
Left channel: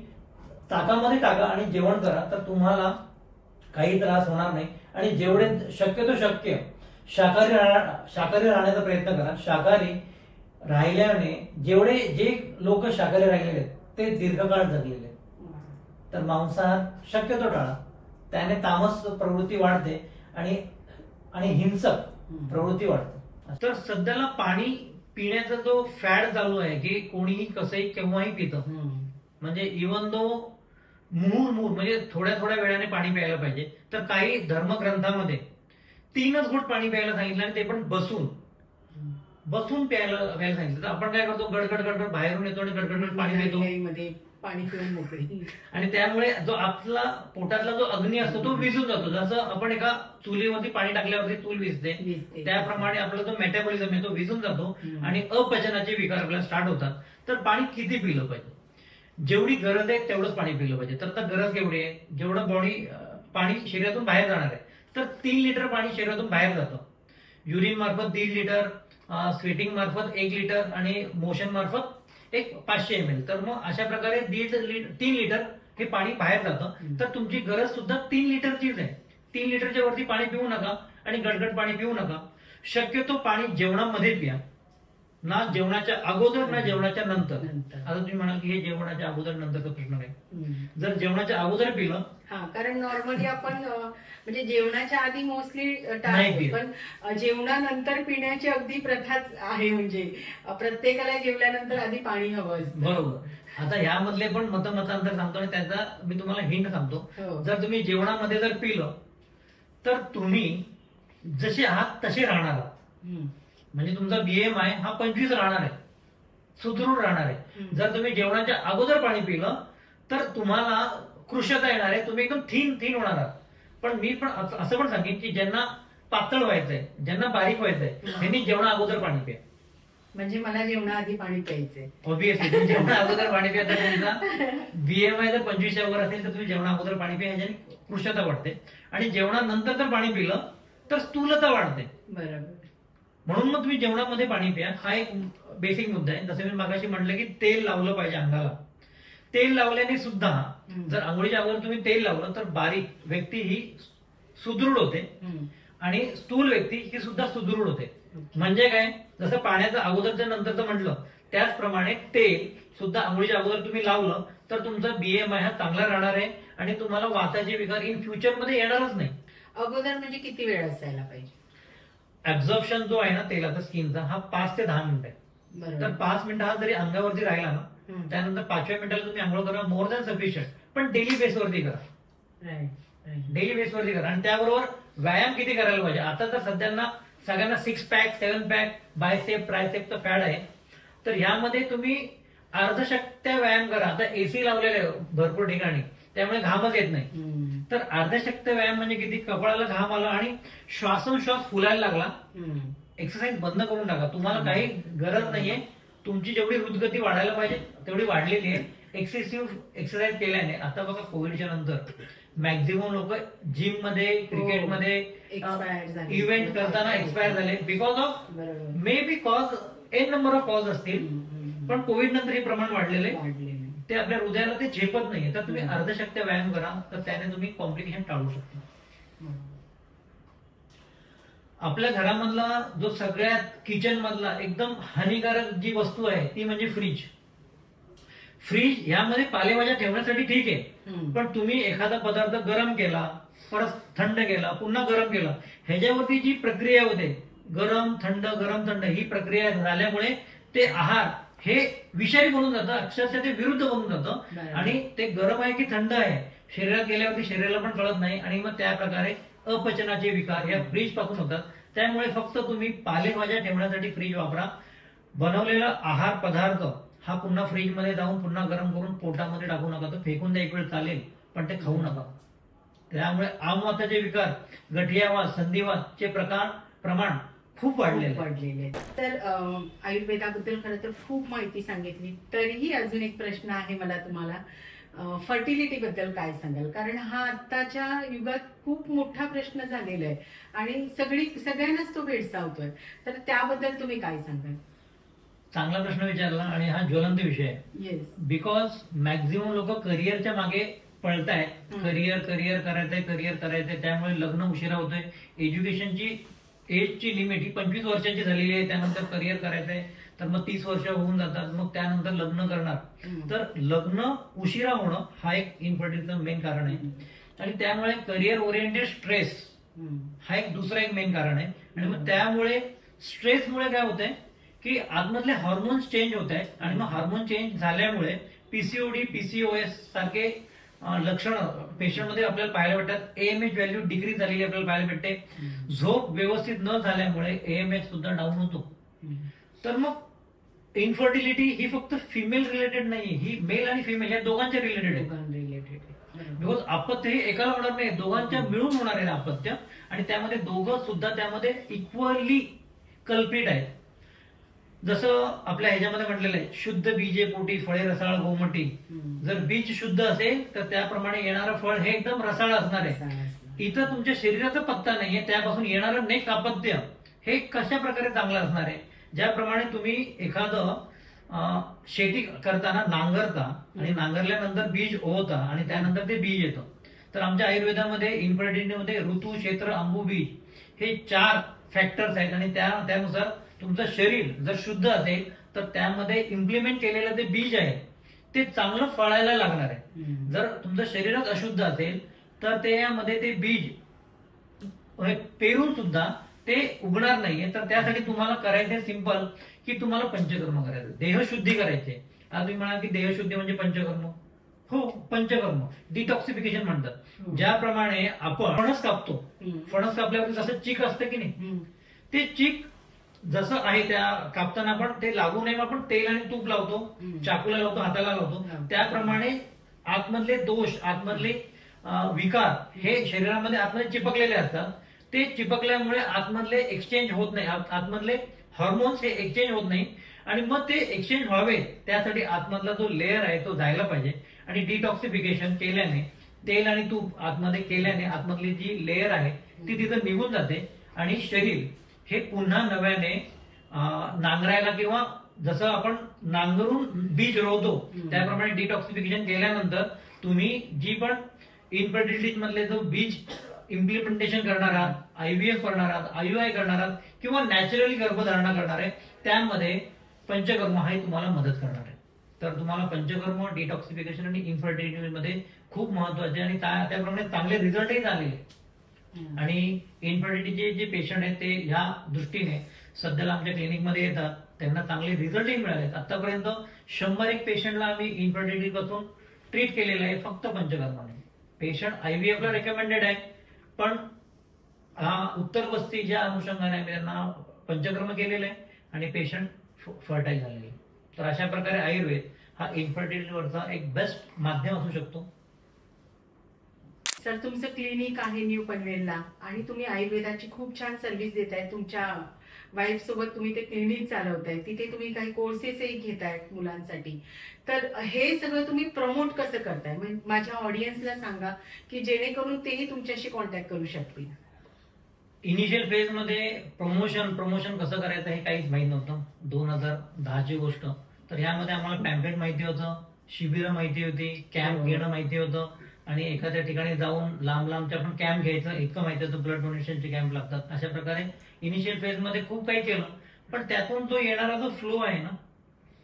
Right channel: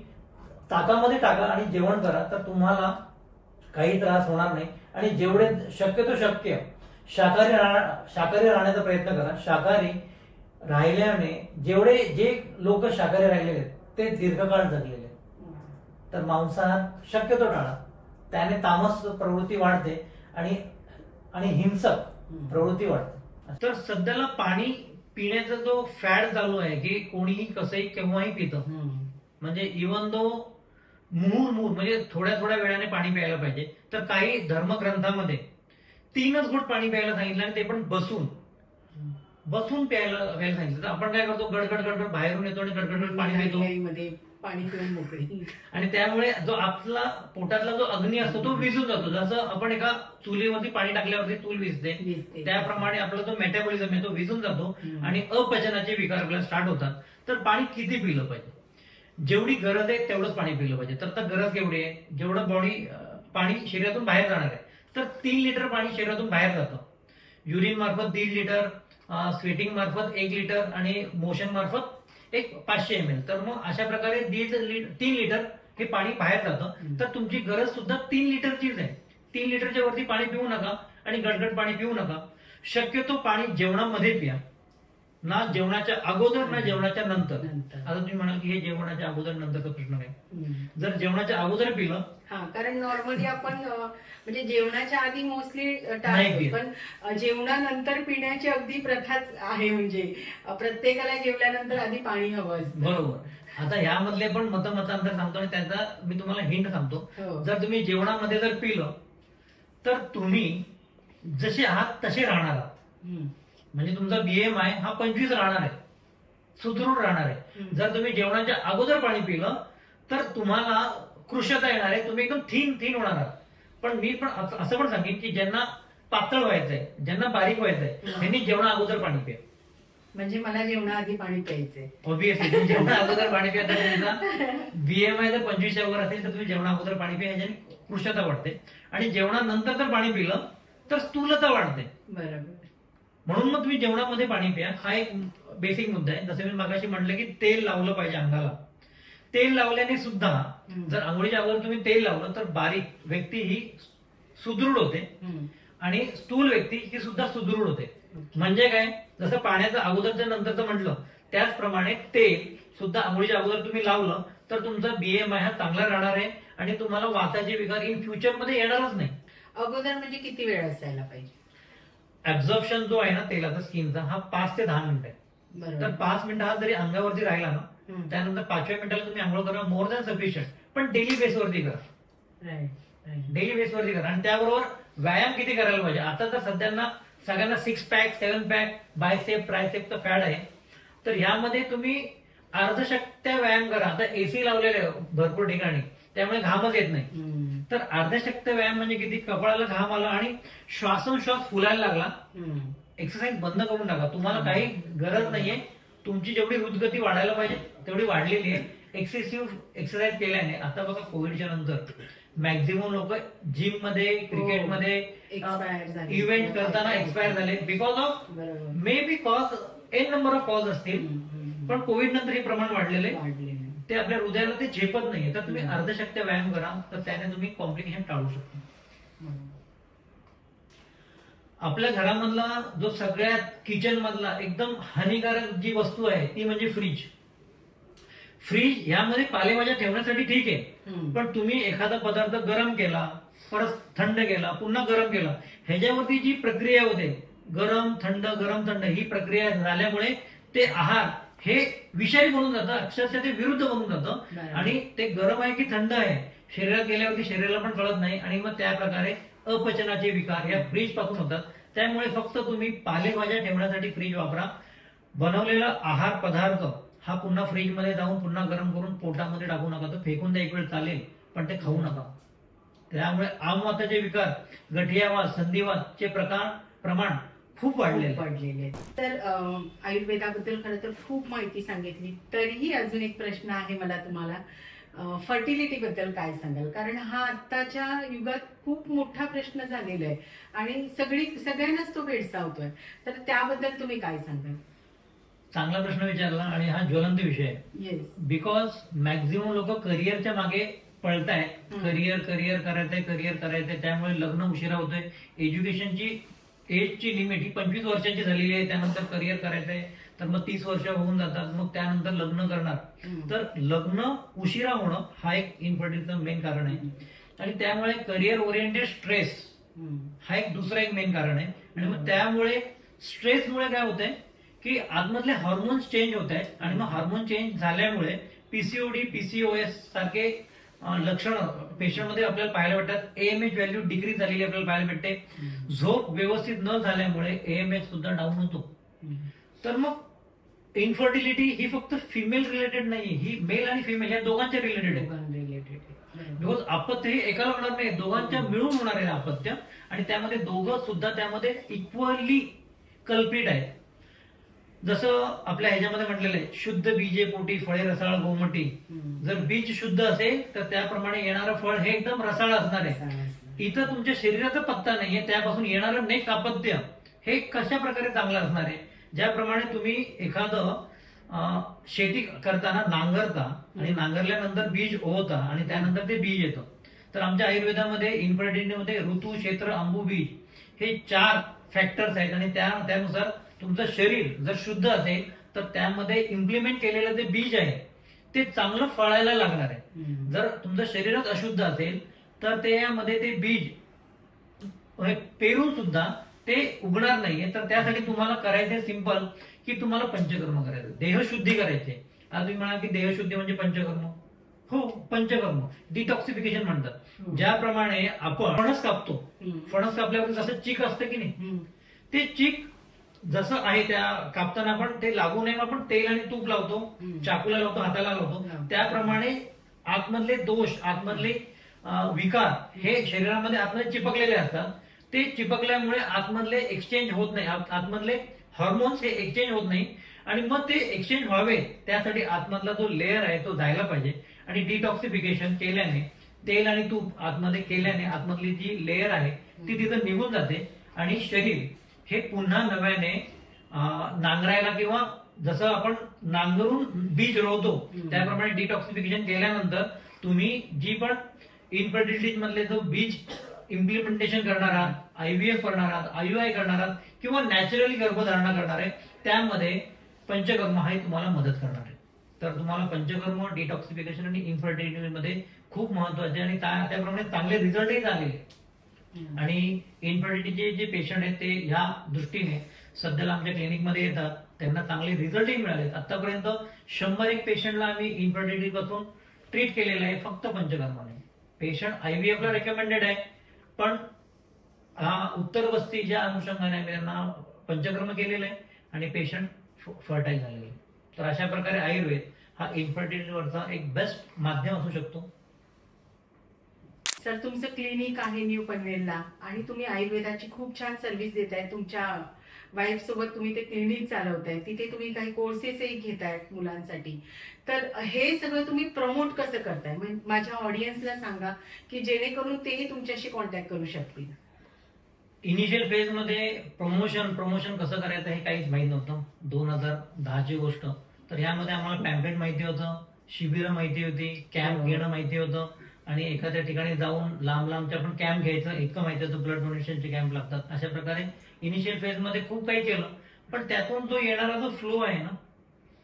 ताकामध्ये टाका आणि जेवण करा, तर तुम्हाला काही त्रास होणार नाही. आणि जेवढे शक्य शाकाहारी राहण्याचा प्रयत्न करा. शाकाहारी राहिल्याने जे लोक शाकाहारी राहिलेले आहेत ते दीर्घकाळ जगलेले आहेत. तर मांसाहार शक्यतो टाळा. त्याने तामस प्रवृत्ती वाढते आणि हिंसक प्रवृत्ती वाढते. तर सध्याला पाणी पिण्याचा जो फॅड चालू आहे की कोणीही कसंही केव्हाही पितं, म्हणजे इव्हन दो मुहूर्मुहूर म्हणजे थोड्या थोड्या वेळाने पाणी प्यायला पाहिजे. तर काही धर्मग्रंथामध्ये 3च घोट पाणी प्यायला सांगितलं आणि ते पण बसून प्यायला सांगितलं. तर आपण काय करतो, गडगड गडगड बाहेरून येतो आणि गडगड पाणी पितो पाणी पिऊन मोकळी, आणि त्यामुळे जो आपला पोटातला जो अग्नी असतो तो विझून जातो. जसं आपण एका चुलीवरती पाणी टाकल्यावरती चूल विझते, त्याप्रमाणे आपला जो मेटाबॉलिझम आहे तो विझून जातो आणि अपचनाचे विकार आपल्याला स्टार्ट होतात. तर पाणी किती पिलं पाहिजे? जेवढी गरज आहे तेवढंच पाणी पिलं पाहिजे. तर गरज केवढी आहे? जेवढं बॉडी पाणी शरीरातून बाहेर जाणार आहे. तर 3 लिटर पाणी शरीरातून बाहेर जातं. युरिन मार्फत 1.5 लिटर, स्वेटिंग मार्फत 1 लिटर आणि मोशन मार्फत 500 ml. तर मग अशा प्रकारे 3 लिटर हे पाणी बाहेर जातं. तर तुमची गरज सुद्धा 3 लिटरचीच आहे. 3 लिटरच्या वरती पाणी पिऊ नका आणि गडगड पाणी पिऊ नका. शक्यतो पाणी जेवणामध्ये प्या, ना जेवणाच्या अगोदर ना जेवणाच्या नंतर. आता तुम्ही म्हणाल की हे जेवणाच्या अगोदर नंतरचा प्रश्न आहे. जर जेवणाच्या अगोदर पिलं, कारण नॉर्मली आपण म्हणजे जेवणाच्या आधी मोस्टली टाळतो, पण जेवणानंतर पिण्याची अगदी प्रथाच आहे. म्हणजे प्रत्येकाला जेवल्यानंतर आधी पाणी हवं असतं. बरोबर. आता यामधले पण मतांतर सांगतो आणि त्याचा मी तुम्हाला हिंट सांगतो. जर तुम्ही जेवणामध्ये जर पिलं तर तुम्ही जसे आहात तसे राहणार आहात. म्हणजे तुमचा BMI हा 25 राहणार आहे, सुदृढ राहणार आहे. जर तुम्ही जेवणाच्या अगोदर पाणी पिलं तर तुम्हाला कृशता येणार आहे, तुम्ही एकदम थीन होणार आहात. पण मी पण असं पण सांगेन की ज्यांना पातळ व्हायचंय, ज्यांना बारीक व्हायचंय, त्यांनी जेवणा अगोदर पाणी प्या. म्हणजे मला जेवणाआधी पाणी प्यायचंय. ऑब्विसली जेवणा अगोदर पाणी प्या. तर तुमचा BMI जर 25च्या वर असेल तर तुम्ही जेवणा अगोदर पाणी प्या, ह्याच्याने कृशता वाढते. आणि जेवणानंतर जर पाणी पिलं तर स्थूलता वाढते. बरोबर. म्हणून मग तुम्ही जेवणामध्ये पाणी प्या. हा एक बेसिक मुद्दा आहे. जसं मी मागाशी म्हटलं की तेल लावलं पाहिजे अंगाला. तेल लावल्याने सुद्धा जर आंघोळीच्या अगोदर तुम्ही तेल लावलं तर बारीक व्यक्ती ही सुदृढ होते आणि स्थूल व्यक्ती ही सुद्धा सुदृढ होते. म्हणजे काय, जसं पाण्याचं अगोदरच्या नंतरचं म्हटलं त्याचप्रमाणे तेल सुद्धा आंघोळीच्या अगोदर तुम्ही लावलं तर तुमचा BMI हा चांगला राहणार आहे आणि तुम्हाला वाताचे विकार इन फ्युचर मध्ये येणारच नाही. अगोदर म्हणजे किती वेळ असायला पाहिजे? ऍब्झॉर्प्शन जो आहे ना तेलाचा स्किनचा हा 5 ते 10 मिनिटं आहे. तर 5 मिनिटं हा जरी अंगावरती राहिला ना, त्यानंतर 5व्या मिनिटाला तुम्ही आंघोळ करा, मोर दॅन सफिशियंट. पण डेली बेसवरती करा. डेली बेसवरती करा. आणि त्याबरोबर व्यायाम किती करायला पाहिजे? आता तर सगळ्यांना 6 पॅक 7 पॅक बायसेप ट्रायसेपचा फॅड आहे. तर यामध्ये तुम्ही अर्धशक्त्या व्यायाम करा. आता AC लावलेले भरपूर ठिकाणी, त्यामुळे घामच येत नाही. तर अर्धशक्त्या व्यायाम म्हणजे किती? कपाळाला घाम आला आणि श्वासोश्वास फुलायला लागला, एक्सरसाइज बंद करून टाका. तुम्हाला काही गरज नाहीये. तुमची जेवढी हृदगती वाढायला पाहिजे तेवढी वाढलेली आहे. एक्सेसिव्ह एक्सरसाइज केल्याने. आता बघा कोविडच्या नंतर मॅक्झिमम लोक जिम मध्ये, क्रिकेटमध्ये इव्हेंट करताना एक्सपायर झाले. Because of may be cause n number of cause असतील, पण कोविड नंतर हे प्रमाण वाढलेले ते आपल्या हृदयाला ते झेपत नाहीये. तर तुम्ही अर्धशक्त्या व्यायाम करा, तर त्याने तुम्ही कॉम्प्लिकेशन टाळू शकता. आपल्या घरामधला जो सगळ्यात किचन मधला एकदम हानिकारक जी वस्तू आहे ती म्हणजे फ्रीज. यामध्ये पालेभाज्या ठेवण्यासाठी ठीक आहे, पण तुम्ही एखादा पदार्थ गरम केला, परत थंड केला, पुन्हा गरम केला, ह्याच्यावरती जी प्रक्रिया होते गरम थंड ही प्रक्रिया झाल्यामुळे ते आहार हे विषारी बनून जातं, अक्षरशः ते विरुद्ध बनून जातं. आणि ते गरम आहे की थंड आहे शरीरात गेल्यावरती शरीराला पण कळत नाही आणि मग त्या प्रकारे अपचनाचे विकार या फ्रीज पासून होतात. त्यामुळे फक्त तुम्ही पालेभाज्या ठेवण्यासाठी फ्रीज वापरा. बनवलेला आहार पदार्थ हा पुन्हा फ्रीज मध्ये जाऊन पुन्हा गरम करून पोटामध्ये टाकू नका. तर फेकून द्या एक वेळ चालेल, पण ते खाऊ नका. त्यामुळे आमवाताचे विकार, गठियावात, संधिवातचे प्रमाण खूप वाढलेले. तर आयुर्वेदाबद्दल खरं तर खूप माहिती सांगितली. तरीही अजून एक प्रश्न आहे मला तुम्हाला, फर्टिलिटी बद्दल काय सांगाल? कारण हा आत्ताच्या युगात खूप मोठा प्रश्न झालेला आहे आणि सगळ्यांनाच तो भेडसावतोय. तर त्याबद्दल तुम्ही काय सांगाल? चांगला प्रश्न विचारला आणि हा ज्वलंत विषय आहे. बिकॉज मॅक्झिमम लोक करिअरच्या मागे पळतायत. करिअर करायचंय, त्यामुळे लग्न उशिरा होतोय. एजची लिमिट ही 25 वर्षाची झालेली आहे, त्यानंतर करिअर करायचं आहे, तर मग 30 वर्ष होऊन जातात, मग त्यानंतर लग्न करणार. तर लग्न उशिरा होणं हा एक इन्फर्टिलिटीचं मेन कारण आहे. आणि त्यामुळे करिअर ओरिएंटेड स्ट्रेस हा एक दुसरा एक मेन कारण आहे. आणि मग त्यामुळे स्ट्रेसमुळे काय होतंय की आतमधले हार्मोन्स चेंज होत आहेत, आणि मग हार्मोन चेंज झाल्यामुळे पीसीओडी, पीसीओएस सारखे लक्षणं पेशंटमध्ये आपल्याला पाहायला भेटतात. एएमएच व्हॅल्यू डिक्रीज झालेली आपल्याला पाहायला भेटते. झोप व्यवस्थित न झाल्यामुळे एएमएच सुद्धा डाऊन होतो. तर मग इन्फर्टिलिटी ही फक्त फिमेल रिलेटेड नाही, ही मेल आणि फिमेल या दोघांच्या रिलेटेड आहे. बिकॉज अपत्य हे एकाला होणार नाही, दोघांच्या मिळून होणार आहे अपत्य. आणि त्यामध्ये दोघं सुद्धा त्यामध्ये इक्वली कल्पित आहेत. जसं आपल्या ह्याच्यामध्ये म्हटलेलं आहे, शुद्ध बीजे पोटी फळे रसाळ गोमटी. जर बीज शुद्ध असेल तर त्याप्रमाणे येणारं फळ हे एकदम रसाळ असणार आहे. इथं तुमच्या शरीराचा पत्ता नाहीये, त्यापासून येणारं नेक्स्ट अपत्य हे कशा प्रकारे चांगलं असणार आहे. ज्याप्रमाणे तुम्ही एखादं शेती करताना नांगरता आणि नांगरल्यानंतर बीज होता आणि त्यानंतर ते बीज येतं. तर आमच्या आयुर्वेदामध्ये इन्फर्टिलिटीमध्ये ऋतू, क्षेत्र, अंबू, बीज हे 4 फॅक्टर्स आहेत. आणि त्यानुसार तुमचं शरीर जर शुद्ध असेल तर त्यामध्ये इम्प्लिमेंट केलेलं ते बीज आहे ते चांगलं फळायला लागणार आहे. जर तुमचं शरीरच अशुद्ध असेल तर त्यामध्ये ते बीज पेरून सुद्धा ते उगणार नाहीये. तर त्यासाठी तुम्हाला करायचं सिंपल की तुम्हाला पंचकर्म करायचं, देहशुद्धी करायचे. आता तुम्ही म्हणाल की देहशुद्धी म्हणजे पंचकर्म. हो, पंचकर्म डिटॉक्सिफिकेशन म्हणतात. ज्याप्रमाणे आपण फणस कापतो, फणस कापल्यावर जसं चीक असतं की नाही, ते चीक जसं आहे त्या कापताना आपण ते लागू नये आपण तेल आणि तूप लावतो, चाकूला लावतो, हाताला लावतो. त्याप्रमाणे आतमधले दोष, आतमधले विकार हे शरीरामध्ये आतमध्ये चिपकलेले असतात. ते चिपकल्यामुळे आतमधले एक्सचेंज होत नाही, आतमधले हॉर्मोन्स हे एक्सचेंज होत नाही. आणि मग ते एक्सचेंज व्हावे त्यासाठी आतमधला जो लेअर आहे तो जायला पाहिजे. आणि डिटॉक्सिफिकेशन केल्याने, तेल आणि तूप आतमध्ये केल्याने आतमधली जी लेअर आहे ती तिथं निघून जाते आणि शरीर हे पुन्हा नव्याने नांगरायला, किंवा जसं आपण नांगरून बीज रोवतो त्याप्रमाणे डिटॉक्सिफिकेशन केल्यानंतर तुम्ही जी पण इन्फर्टिलिटी मधले जो बीज इम्प्लिमेंटेशन करणार आहात, आयव्हीएफ करणार आहात, आययूआय करणार आहात, किंवा नॅचरली गर्भधारणा करणार आहे, त्यामध्ये पंचकर्म हे तुम्हाला मदत करणार आहे. तर तुम्हाला पंचकर्म, डिटॉक्सिफिकेशन आणि इन्फर्टिलिटी मध्ये खूप महत्वाचे आणि त्याप्रमाणे चांगले रिझल्टही झालेले. आणि इन्फर्टिलिटीचे जे पेशंट आहेत ते ह्या दृष्टीने सध्याला आमच्या क्लिनिकमध्ये येतात, त्यांना चांगले रिझल्टही मिळालेत. आतापर्यंत 100 पेशंटला आम्ही इन्फर्टिलिटी पासून ट्रीट केलेलं आहे फक्त पंचकर्माने. पेशंट आयव्हीएफ ला रेकमेंडेड आहे, पण उत्तर वस्ती ज्या अनुषंगाने आम्ही त्यांना पंचकर्म केलेलं आहे आणि पेशंट फर्टाईल झालेले. तर अशा प्रकारे आयुर्वेद हा इन्फर्टिलिटीवरचा एक बेस्ट माध्यम असू शकतो. सर, तुमचं क्लिनिक आहे न्यू पनवेलला आणि तुम्ही आयुर्वेदाची खूप छान सर्व्हिस देताय. तुमच्या वाईफ सोबत तुम्ही ते क्लिनिक चालवताय, तिथे तुम्ही काही कोर्सेसही घेतायत मुलांसाठी. तर हे सगळं तुम्ही प्रमोट कसं करताय, माझ्या ऑडियन्सला सांगा की जेणेकरून तेही तुमच्याशी कॉन्टॅक्ट करू शकतील. इनिशियल फेज मध्ये प्रमोशन कसं करायचं हे काहीच माहित नव्हतं. 2010ची गोष्ट. तर ह्यामध्ये आम्हाला पॅम्पलेट माहिती होतं, शिबिरं माहिती होती, कॅम्प घेणं माहिती होतं, आणि एखाद्या ठिकाणी जाऊन लांबच्या आपण कॅम्प घ्यायचं इतकं माहिती होतं. ब्लड डोनेशनचे कॅम्प लागतात. अशा प्रकारे इनिशियल फेज मध्ये खूप काही केलं, पण त्यातून जो येणारा जो फ्लो आहे ना,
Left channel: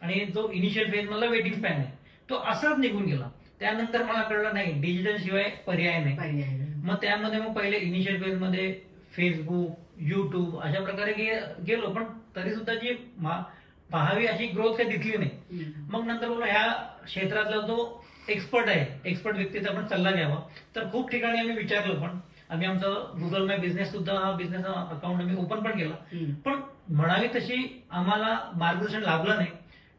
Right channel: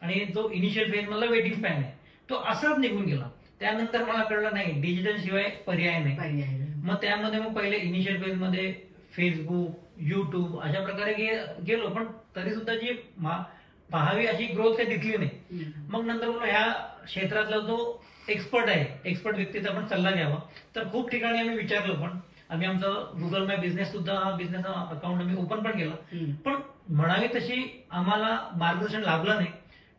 आणि जो इनिशियल फेज मधला वेटिंग स्पॅन आहे तो असाच निघून गेला. त्यानंतर मला कळलं नाही डिजिटल शिवाय पर्याय नाही. मग त्यामध्ये मग पहिले इनिशियल फेज मध्ये फेसबुक, युट्यूब अशा प्रकारे गेलो, पण तरी सुद्धा जी पाहावी अशी ग्रोथ काही दिसली नाही. मग नंतर ह्या क्षेत्रातला जो एक्सपर्ट आहे, एक्सपर्ट व्यक्तीचा आपण सल्ला घ्यावा. तर खूप ठिकाणी आम्ही विचारलं, पण आम्ही आमचं गुगल माय बिझनेस सुद्धा बिझनेस अकाउंट आम्ही ओपन पण केलं, पण म्हणावी तशी आम्हाला मार्गदर्शन लाभलं नाही.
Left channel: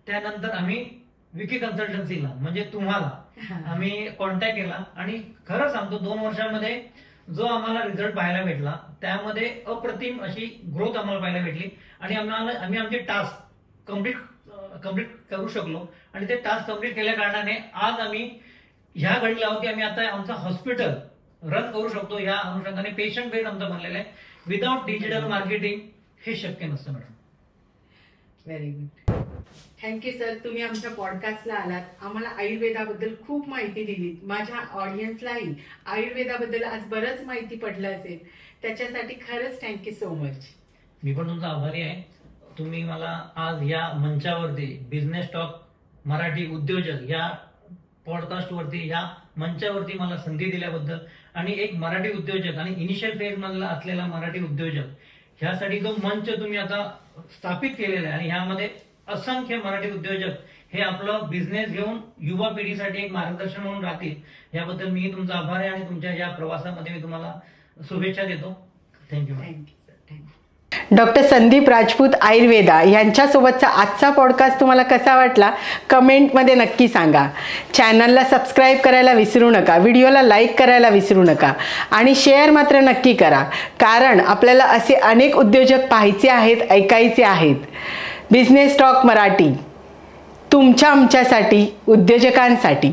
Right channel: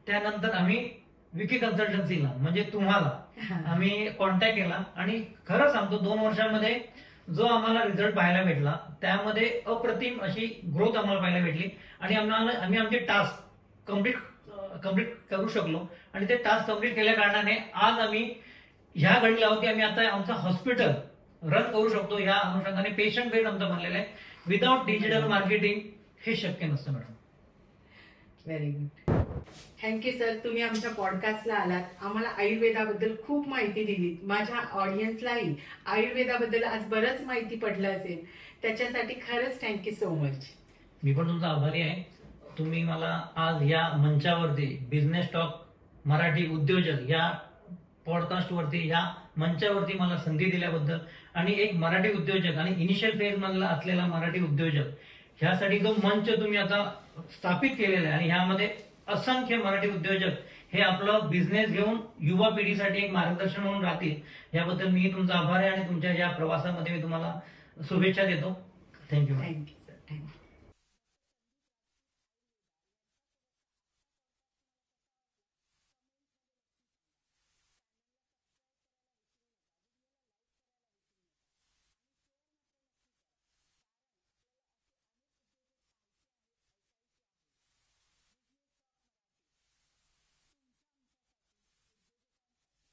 त्यानंतर आम्ही विकी कन्सल्टन्सीला म्हणजे तुम्हाला आम्ही कॉन्टॅक्ट केला आणि खरं सांगतो 2 वर्षांमध्ये जो आम्हाला रिझल्ट पाहायला भेटला त्यामध्ये अप्रतिम अशी ग्रोथ आम्हाला पाहायला भेटली. आणि आम्ही आमचे टास्क कम्प्लीट करू शकलो. आणि ते टास्क कम्प्लीट केल्या कारणाने आज आम्ही ह्या घडीला आहोत की आम्ही आता आमचं हॉस्पिटल रन करू शकतो. या अनुषंगाने पेशंट बेस आमचं बनलेलं आहे. विदाउट डिजिटल मार्केटिंग हे शक्य नसतं madam. Very good. Thank you sir, तुम्ही आमच्या पॉडकास्टला आलात, आम्हाला आयुर्वेदाबद्दल खूप माहिती दिली. माझ्या ऑडियन्सलाही आयुर्वेदाबद्दल आज बरंच माहिती पडलं असेल, त्याच्यासाठी खरंच थँक्यू सो मच. मी पण तुमचा आभारी आहे. तुम्ही मला आज या मंचावरती बिझनेस टॉक मराठी उद्योजक या पॉडकास्टवरती या मंचावरती मला संधी दिल्याबद्दल आणि एक मराठी उद्योजक आणि इनिशियल फेज मधला असलेला मराठी उद्योजक ह्यासाठी जो मंच तुम्ही आता स्थापित केलेला आहे आणि ह्यामध्ये असंख्य मराठी उद्योजक हे आपलं बिझनेस घेऊन युवा पिढीसाठी एक मार्गदर्शन म्हणून राहतील याबद्दल मी तुमचा आभार आहे आणि तुमच्या या प्रवासामध्ये मी तुम्हाला शुभेच्छा देतो. Thank you. Thank you sir, thank you. Doctor Sandeep Rajput Ayurveda यांच्यासोबतचा आजचा पॉडकास्ट तुम्हाला कसा वाटला कमेंटमध्ये नक्की सांगा. चॅनलला सबस्क्राईब करायला विसरू नका, व्हिडिओला लाईक करायला विसरू नका आणि शेअर मात्र नक्की करा, कारण आपल्याला असे अनेक उद्योजक पाहायचे आहेत, ऐकायचे आहेत. बिझनेस टॉक मराठी तुमच्या आमच्यासाठी, उद्योजकांसाठी.